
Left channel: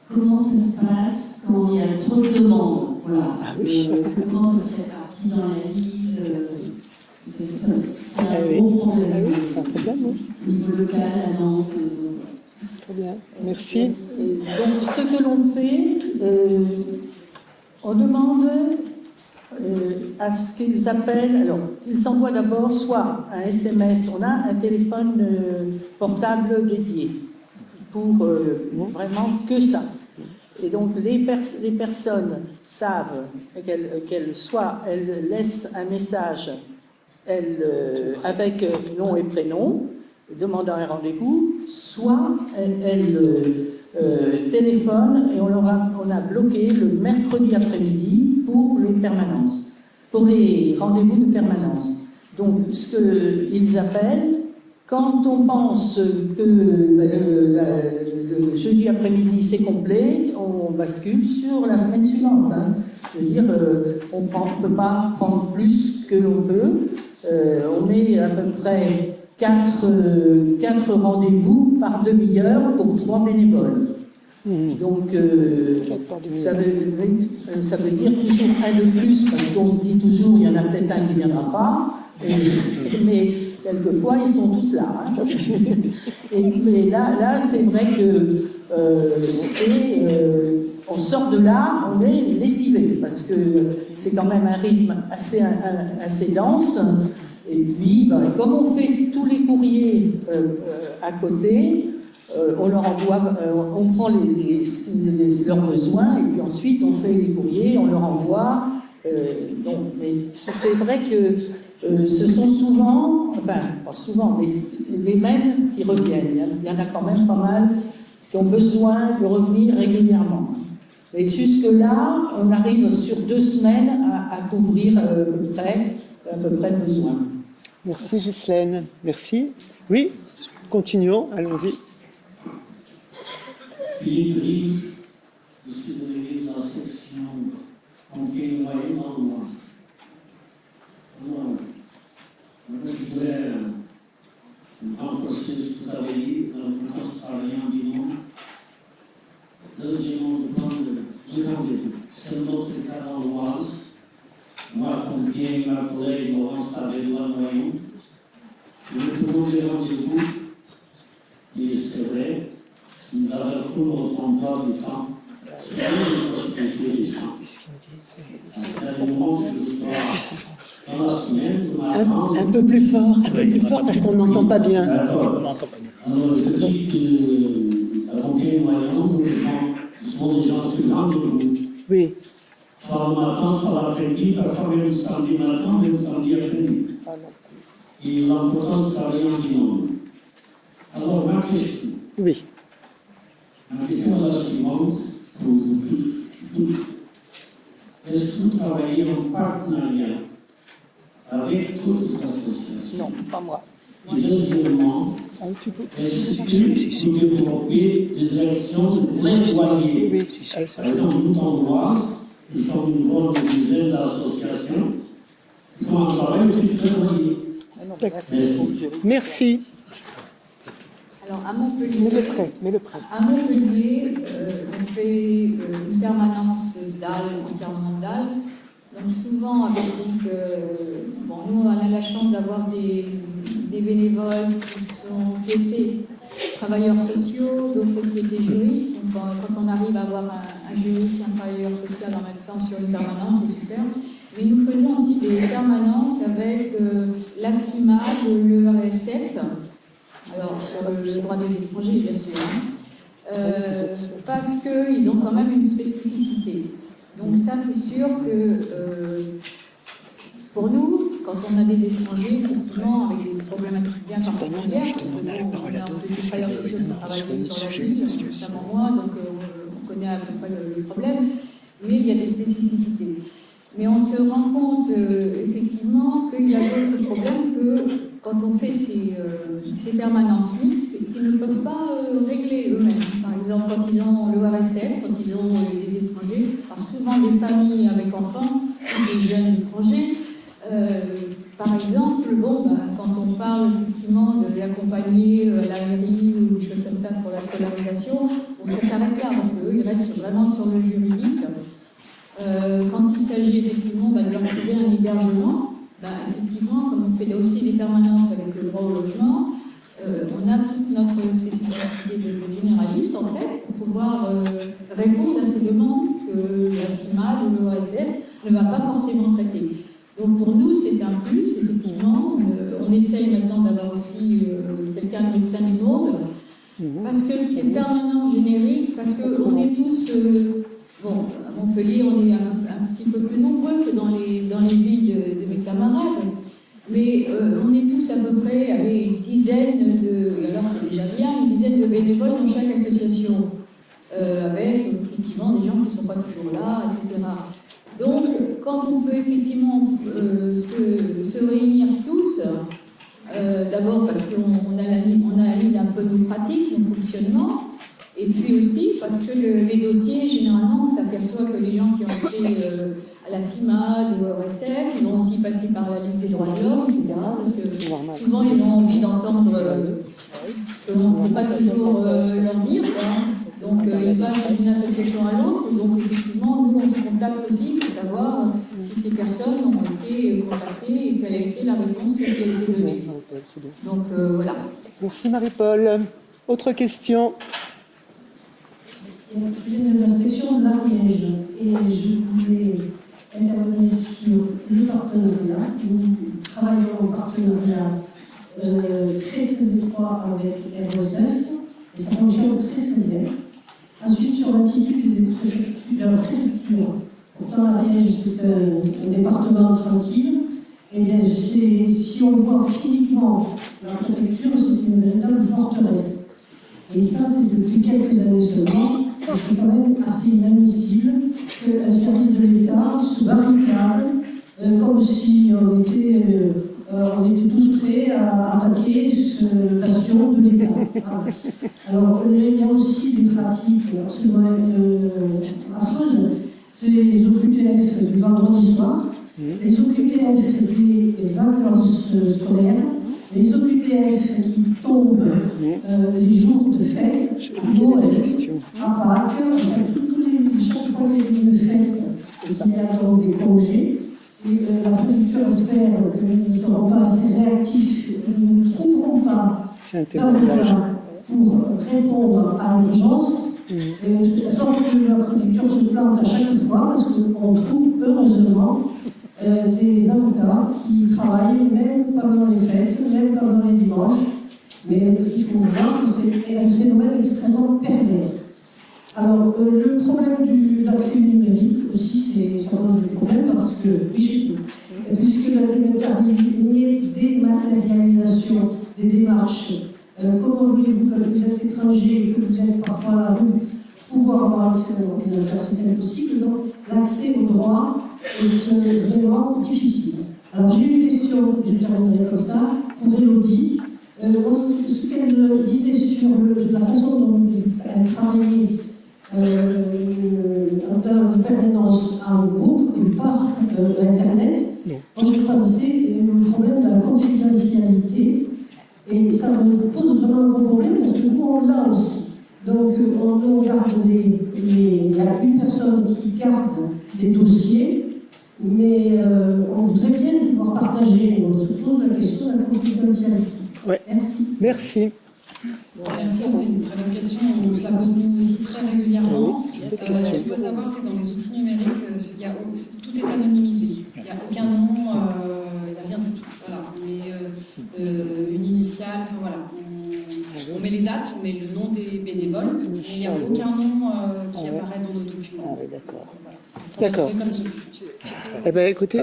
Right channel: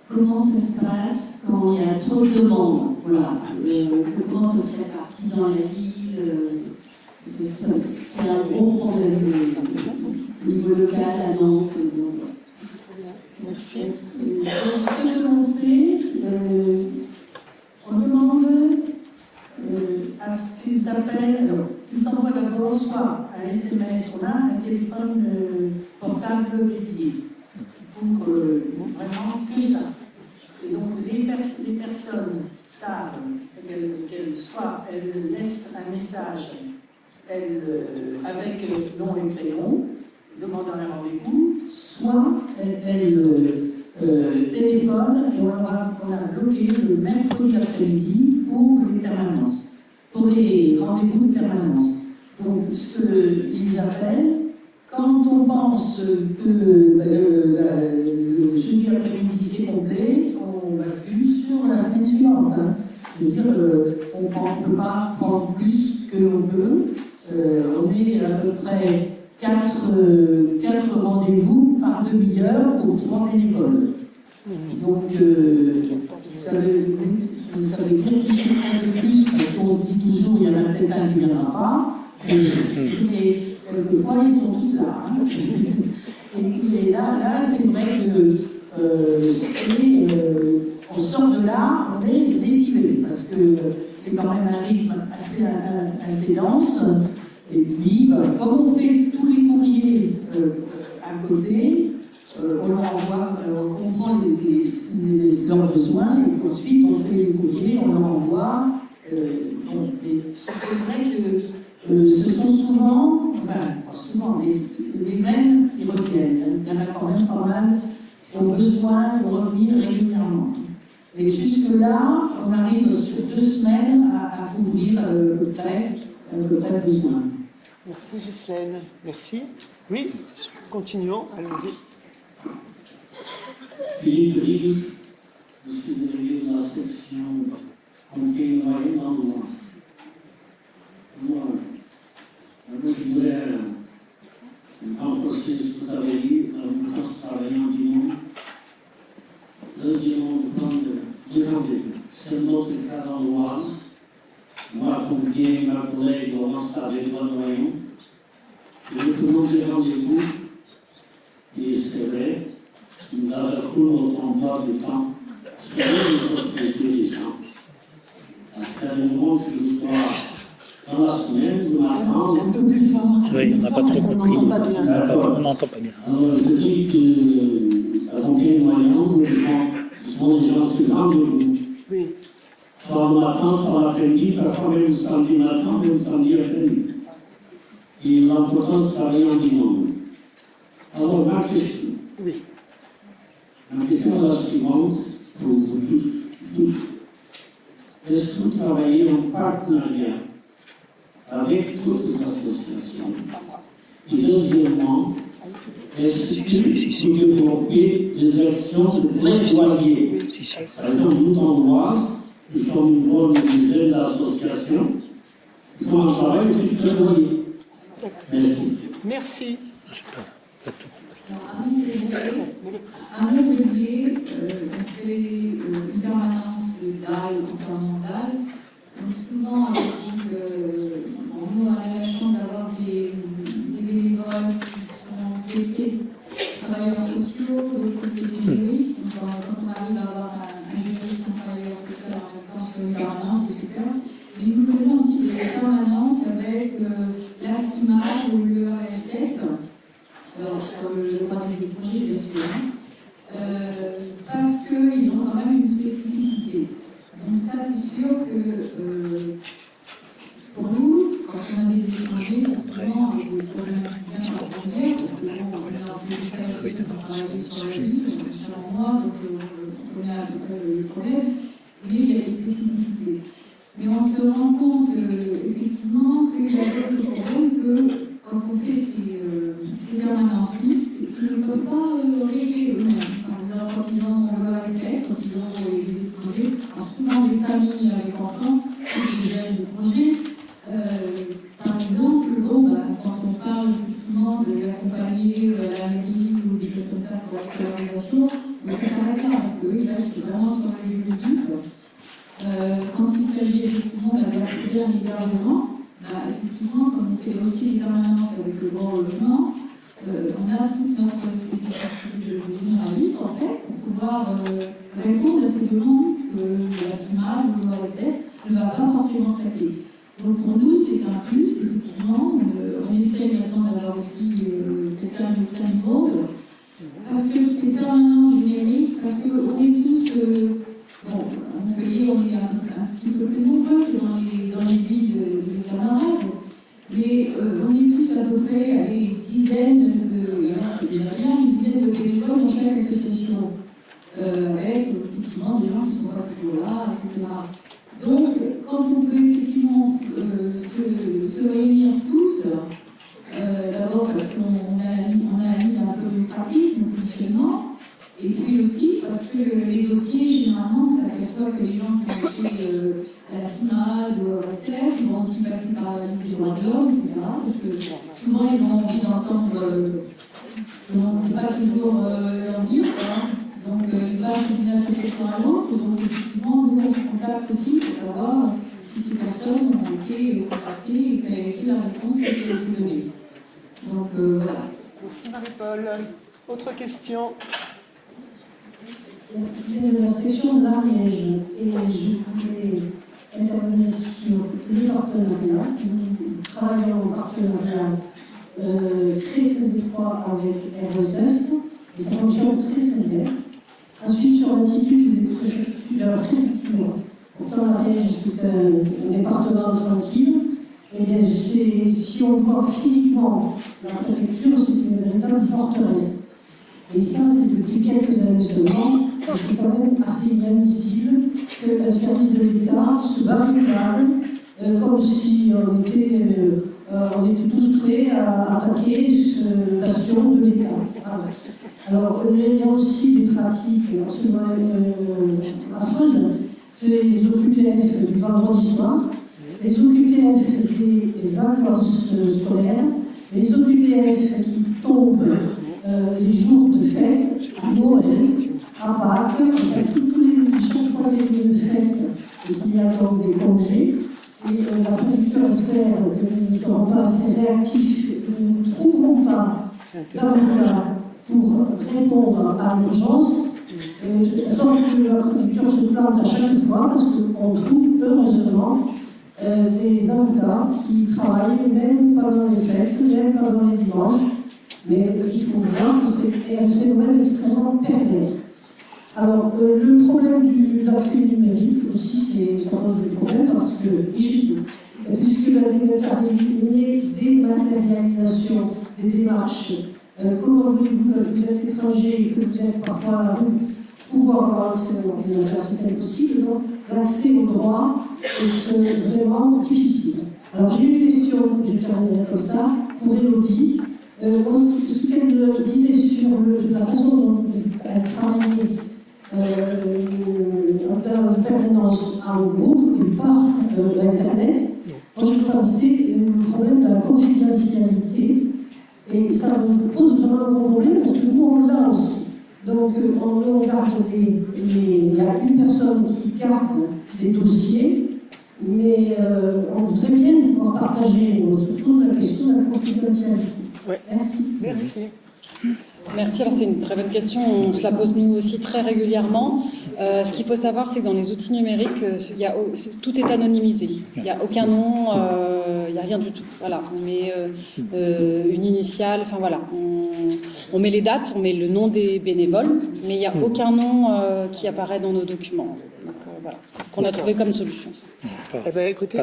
comment ça se passe quand il y a trop de demandes? Voilà. Comment ça se répartit dans la ville? C'est un gros problème au niveau local, à Nantes. Très bien, merci. Donc, ce que l'on fait, on demande à ce qu'ils appellent, alors ils envoient d'abord soit un SMS, on a un téléphone portable dédié pour vraiment que ça. Et donc les personnes savent qu'elles soit elles laissent un message avec nom et prénom, demandant un rendez-vous, soit elles téléphonent et on a bloqué le mercredi après-midi pour les permanences, pour les rendez-vous de permanence. Donc, ce qu'ils appellent, quand on pense que le jeudi après-midi c'est complet, on bascule sur la semaine suivante. Je veux dire, on ne peut pas prendre plus que l'on peut. On met à peu près 4 rendez-vous par demi-heure pour 3 bénévoles. Donc, ça veut dire toujours un de plus, parce qu'on se dit toujours, il y en a peut-être un qui ne viendra pas, mais quelquefois, ils sont tous là. Mais là c'est vrai que on sort de là, on est lessivé, parce que c'est quand même un rythme assez dense. Et puis, comme on fait tous les courriers à côté, on leur envoie, on prend leurs besoins et puis ensuite on fait les courriers, on leur envoie. Mais c'est vrai que ce sont souvent, enfin pas souvent, mais les mêmes qui reviennent. Il y en a quand même pas mal qui ont besoin de revenir régulièrement. Et jusque-là, on arrive sur 2 semaines à couvrir à peu près le besoin. Merci Ghislaine. Merci. Oui, continuons, allons-y. Philippe Riche, je suis délégué de la section Pompiers Noyés dans le Mans. Alors, je voudrais renforcer ce que tu avais dit, dans le cas de travailler en binôme. Deuxièmement, c'est notre cas dans l'Oise. Moi, pompier, ma collègue Laurence Tabé-Noyon, je lui demande des rendez-vous, et c'est vrai, nous avons cours au temps du temps, c'est vrai que je peux des gens. À un moment que je sois dans la semaine, vous m'attendez. Un peu plus fort, parce qu'on n'entend pas bien. On n'entend pas bien. Alors, je dis que la pompier Noyon, ce sont des gens sur rendez-vous. Oui. Soit le matin, soit l'après-midi, parfois même le samedi matin, même le samedi après-midi. Et l'importance de travailler en binôme. Alors, ma question. Oui. Ma question est la suivante, pour vous tous. Est-ce que vous travaillez en partenariat avec d'autres associations? Non, pas moi. Et deuxièmement, est-ce que vous développez des actions de plaidoyer? Par exemple, nous, dans l'Oise, nous sommes une bonne dizaine d'associations qui font un travail de plaidoyer. Merci. Alors, à Montpellier, on fait une permanence d'âge, entièrement d'âge. Donc, souvent, on dit que nous, on a la chance d'avoir des bénévoles qui étaient travailleurs sociaux, d'autres qui étaient juristes. Donc, quand on arrive à avoir un juriste et un travailleur social en même temps sur une permanence, c'est super. Mais nous faisons aussi des permanences avec la CIMAD ou le RSF, sur le droit des étrangers, bien sûr, parce qu'ils ont quand même une spécificité. Donc ça, c'est sûr que pour nous, quand on a des étrangers, effectivement, avec des problématiques bien particulières, on a la parole à d'autres, parce travailler sur le sujet, notamment moi, donc on connaît à peu près les problèmes, mais il y a des spécificités. Mais on se rend compte, effectivement, qu'il y a d'autres problèmes que quand on fait ces permanences mixtes, qu'ils ne peuvent pas régler eux-mêmes. Par exemple, quand ils ont le RSF, quand ils ont des étrangers, alors souvent des familles avec enfants, des jeunes étrangers, par exemple, quand on parle effectivement de l'accompagner à la mairie ou des choses comme ça pour la scolarisation, ça s'arrête là, parce qu'eux, ils restent vraiment sur le juridique. Quand il s'agit effectivement de leur trouver un hébergement, effectivement, comme on fait aussi des permanences avec le droit au logement, on a toute notre spécificité de généraliste, en fait, pour pouvoir répondre à ces demandes que la CIMAD ou l'OSF ne va pas forcément traiter. Donc pour nous, c'est un plus, effectivement. On essaye maintenant d'avoir aussi quelqu'un de médecin du monde, parce que c'est permanent, générique, parce qu'on est tous... à Montpellier, on est un petit peu plus nombreux que dans les villes de mes camarades, mais on est tous à peu près à une dizaine alors c'est déjà bien, une dizaine de bénévoles dans chaque association, avec effectivement des gens qui ne sont pas toujours là, etc. Donc, quand on peut effectivement se réunir tous, d'abord parce qu'on analyse un peu nos pratiques, nos fonctionnements, et puis aussi parce que les dossiers, généralement, on s'aperçoit que les gens qui ont été à la CIMAD ou au RSF, ils vont aussi passer par la Ligue des droits de l'homme, etc. Parce que souvent, ils ont envie d'entendre ce qu'on ne peut pas toujours leur dire. Donc, ils passent d'une association à l'autre. Donc, effectivement, nous, on se contacte aussi pour savoir si ces personnes ont été contactées et quelle a été la réponse qui a été donnée. Donc, voilà. Merci Marie-Paul. Autre question? Je viens de la section de l'Ariège et je voulais intervenir sur le partenariat. Nous travaillons en partenariat très très étroit avec RSF et ça fonctionne très très bien. Ensuite, sur l'attitude des préfectures, pourtant l'Ariège c'est un département tranquille Eh bien, si on voit physiquement la préfecture, c'est une véritable forteresse. Et ça, c'est depuis quelques années seulement. C'est quand même assez inadmissible qu'un service de l'État se barricade comme si on était tous prêts à attaquer ce bastion de l'État. Alors, il y a aussi des pratiques absolument affreuses. C'est les OQTF du vendredi soir, les OQTF des vacances scolaires, les OQTF qui tombent les jours de fête, à Noël, à Pâques, chaque fois qu'il y a une fête, il y a donc des congés. Et la préfecture espère que nous ne serons pas assez réactifs, nous ne trouverons pas d'avocats pour répondre à l'urgence. Sauf que la préfecture se plante à chaque fois parce qu'on trouve heureusement des avocats qui travaillent même pendant les fêtes, même pendant les dimanches. Mais il faut voir que c'est un phénomène extrêmement pervers. Alors, le problème de l'accès numérique aussi, c'est un autre problème parce que, puisque la dématérialisation des démarches, comment voulez-vous que vous êtes étranger et que vous êtes parfois à la rue, pouvoir avoir accès à l'ordinateur, c'est impossible, donc l'accès au droit est vraiment difficile. Alors, j'ai une question, je terminerai comme ça, pour Élodie. Ce qu'elle disait sur la façon dont elle travaillait en permanence en groupe et par Internet, moi je pensais au problème de la confidentialité et ça me pose vraiment un gros problème parce que nous on l'a aussi. Donc on garde il y a une personne qui garde les dossiers, mais on voudrait bien pouvoir partager. Donc se pose la question de la confidentialité. Ouais. Merci. Merci. Merci, c'est une très bonne question. On se la pose nous aussi très régulièrement. Ce qu'il faut savoir, c'est que dans les outils numériques, tout est anonymisé. Il n'y a aucun nom, il n'y a rien du tout. Voilà, on met une initiale, enfin voilà. On met les dates, on met le nom des bénévoles, mais il n'y a aucun nom qui apparaît dans nos documents. Donc, voilà, c'est ce qu'on a trouvé comme solution. Eh bien, écoutez,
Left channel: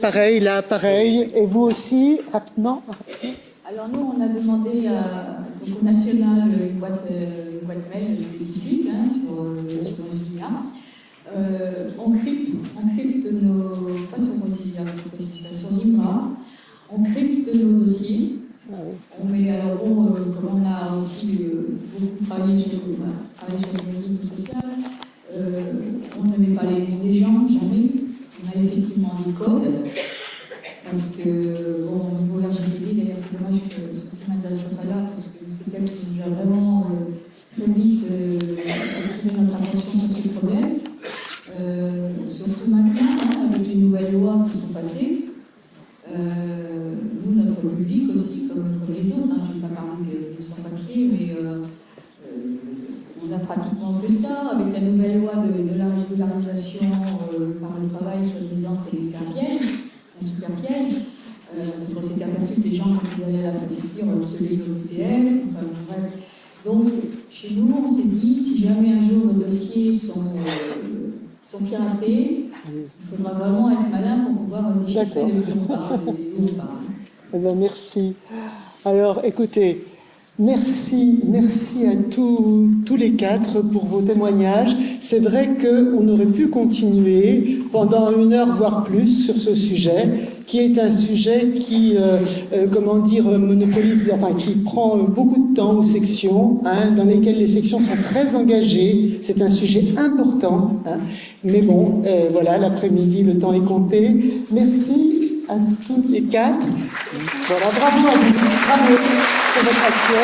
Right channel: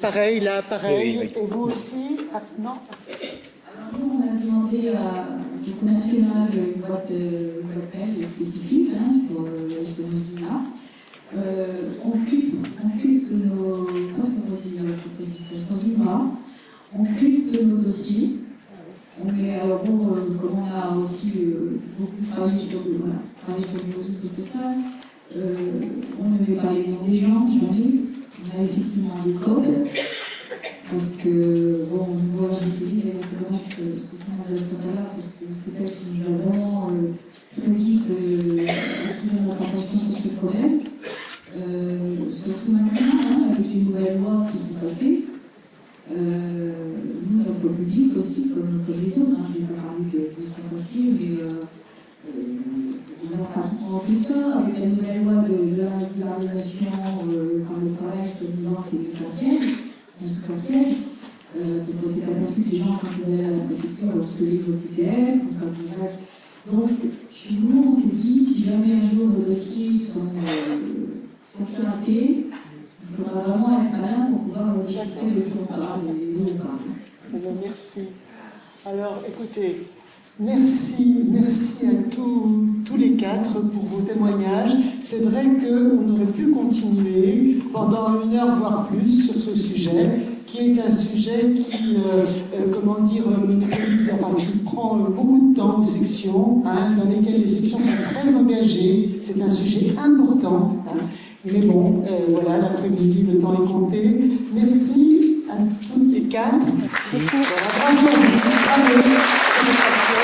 pareil, là, pareil. Et vous aussi, rapidement. Alors nous, on a demandé au national une boîte mail spécifique sur Mozilla. On crypte pas sur Mozilla, sur Zimbra, on crypte nos dossiers. Mais alors bon, comme on a aussi beaucoup travaillé sur le médico-social, on ne met pas les noms des gens, jamais. On a effectivement des codes. Parce que, bon, au niveau RGPD, d'ailleurs, c'est dommage que ce qu'on pas là, parce que c'est elle qui nous a vraiment très vite exprimé notre attention sur ce problème. Surtout maintenant, avec les nouvelles lois qui sont passées, nous, notre public aussi, comme les autres, je ne vais pas parler des sans-papiers, mais on a pratiquement vu ça, avec la nouvelle loi de la régularisation par le travail, soi-disant, c'est un piège. Un super piège, parce qu'on s'était aperçu que les gens, quand ils allaient à la préfecture, on recevait le PDF, enfin bref. Donc, chez nous, on s'est dit, si jamais un jour nos dossiers sont piratés, il faudra vraiment être malin pour pouvoir déchiffrer de qui on parle. Eh bien, merci. Alors, écoutez, merci à tous les quatre pour vos témoignages. C'est vrai qu'on aurait pu continuer pendant 1 heure, voire plus, sur ce sujet, qui est un sujet qui, monopolise, enfin, qui prend beaucoup de temps aux sections, dans lesquelles les sections sont très engagées. C'est un sujet important. Mais bon, voilà, l'après-midi, le temps est compté. Merci à tous les quatre. Voilà, bravo à vous. Bravo pour votre action.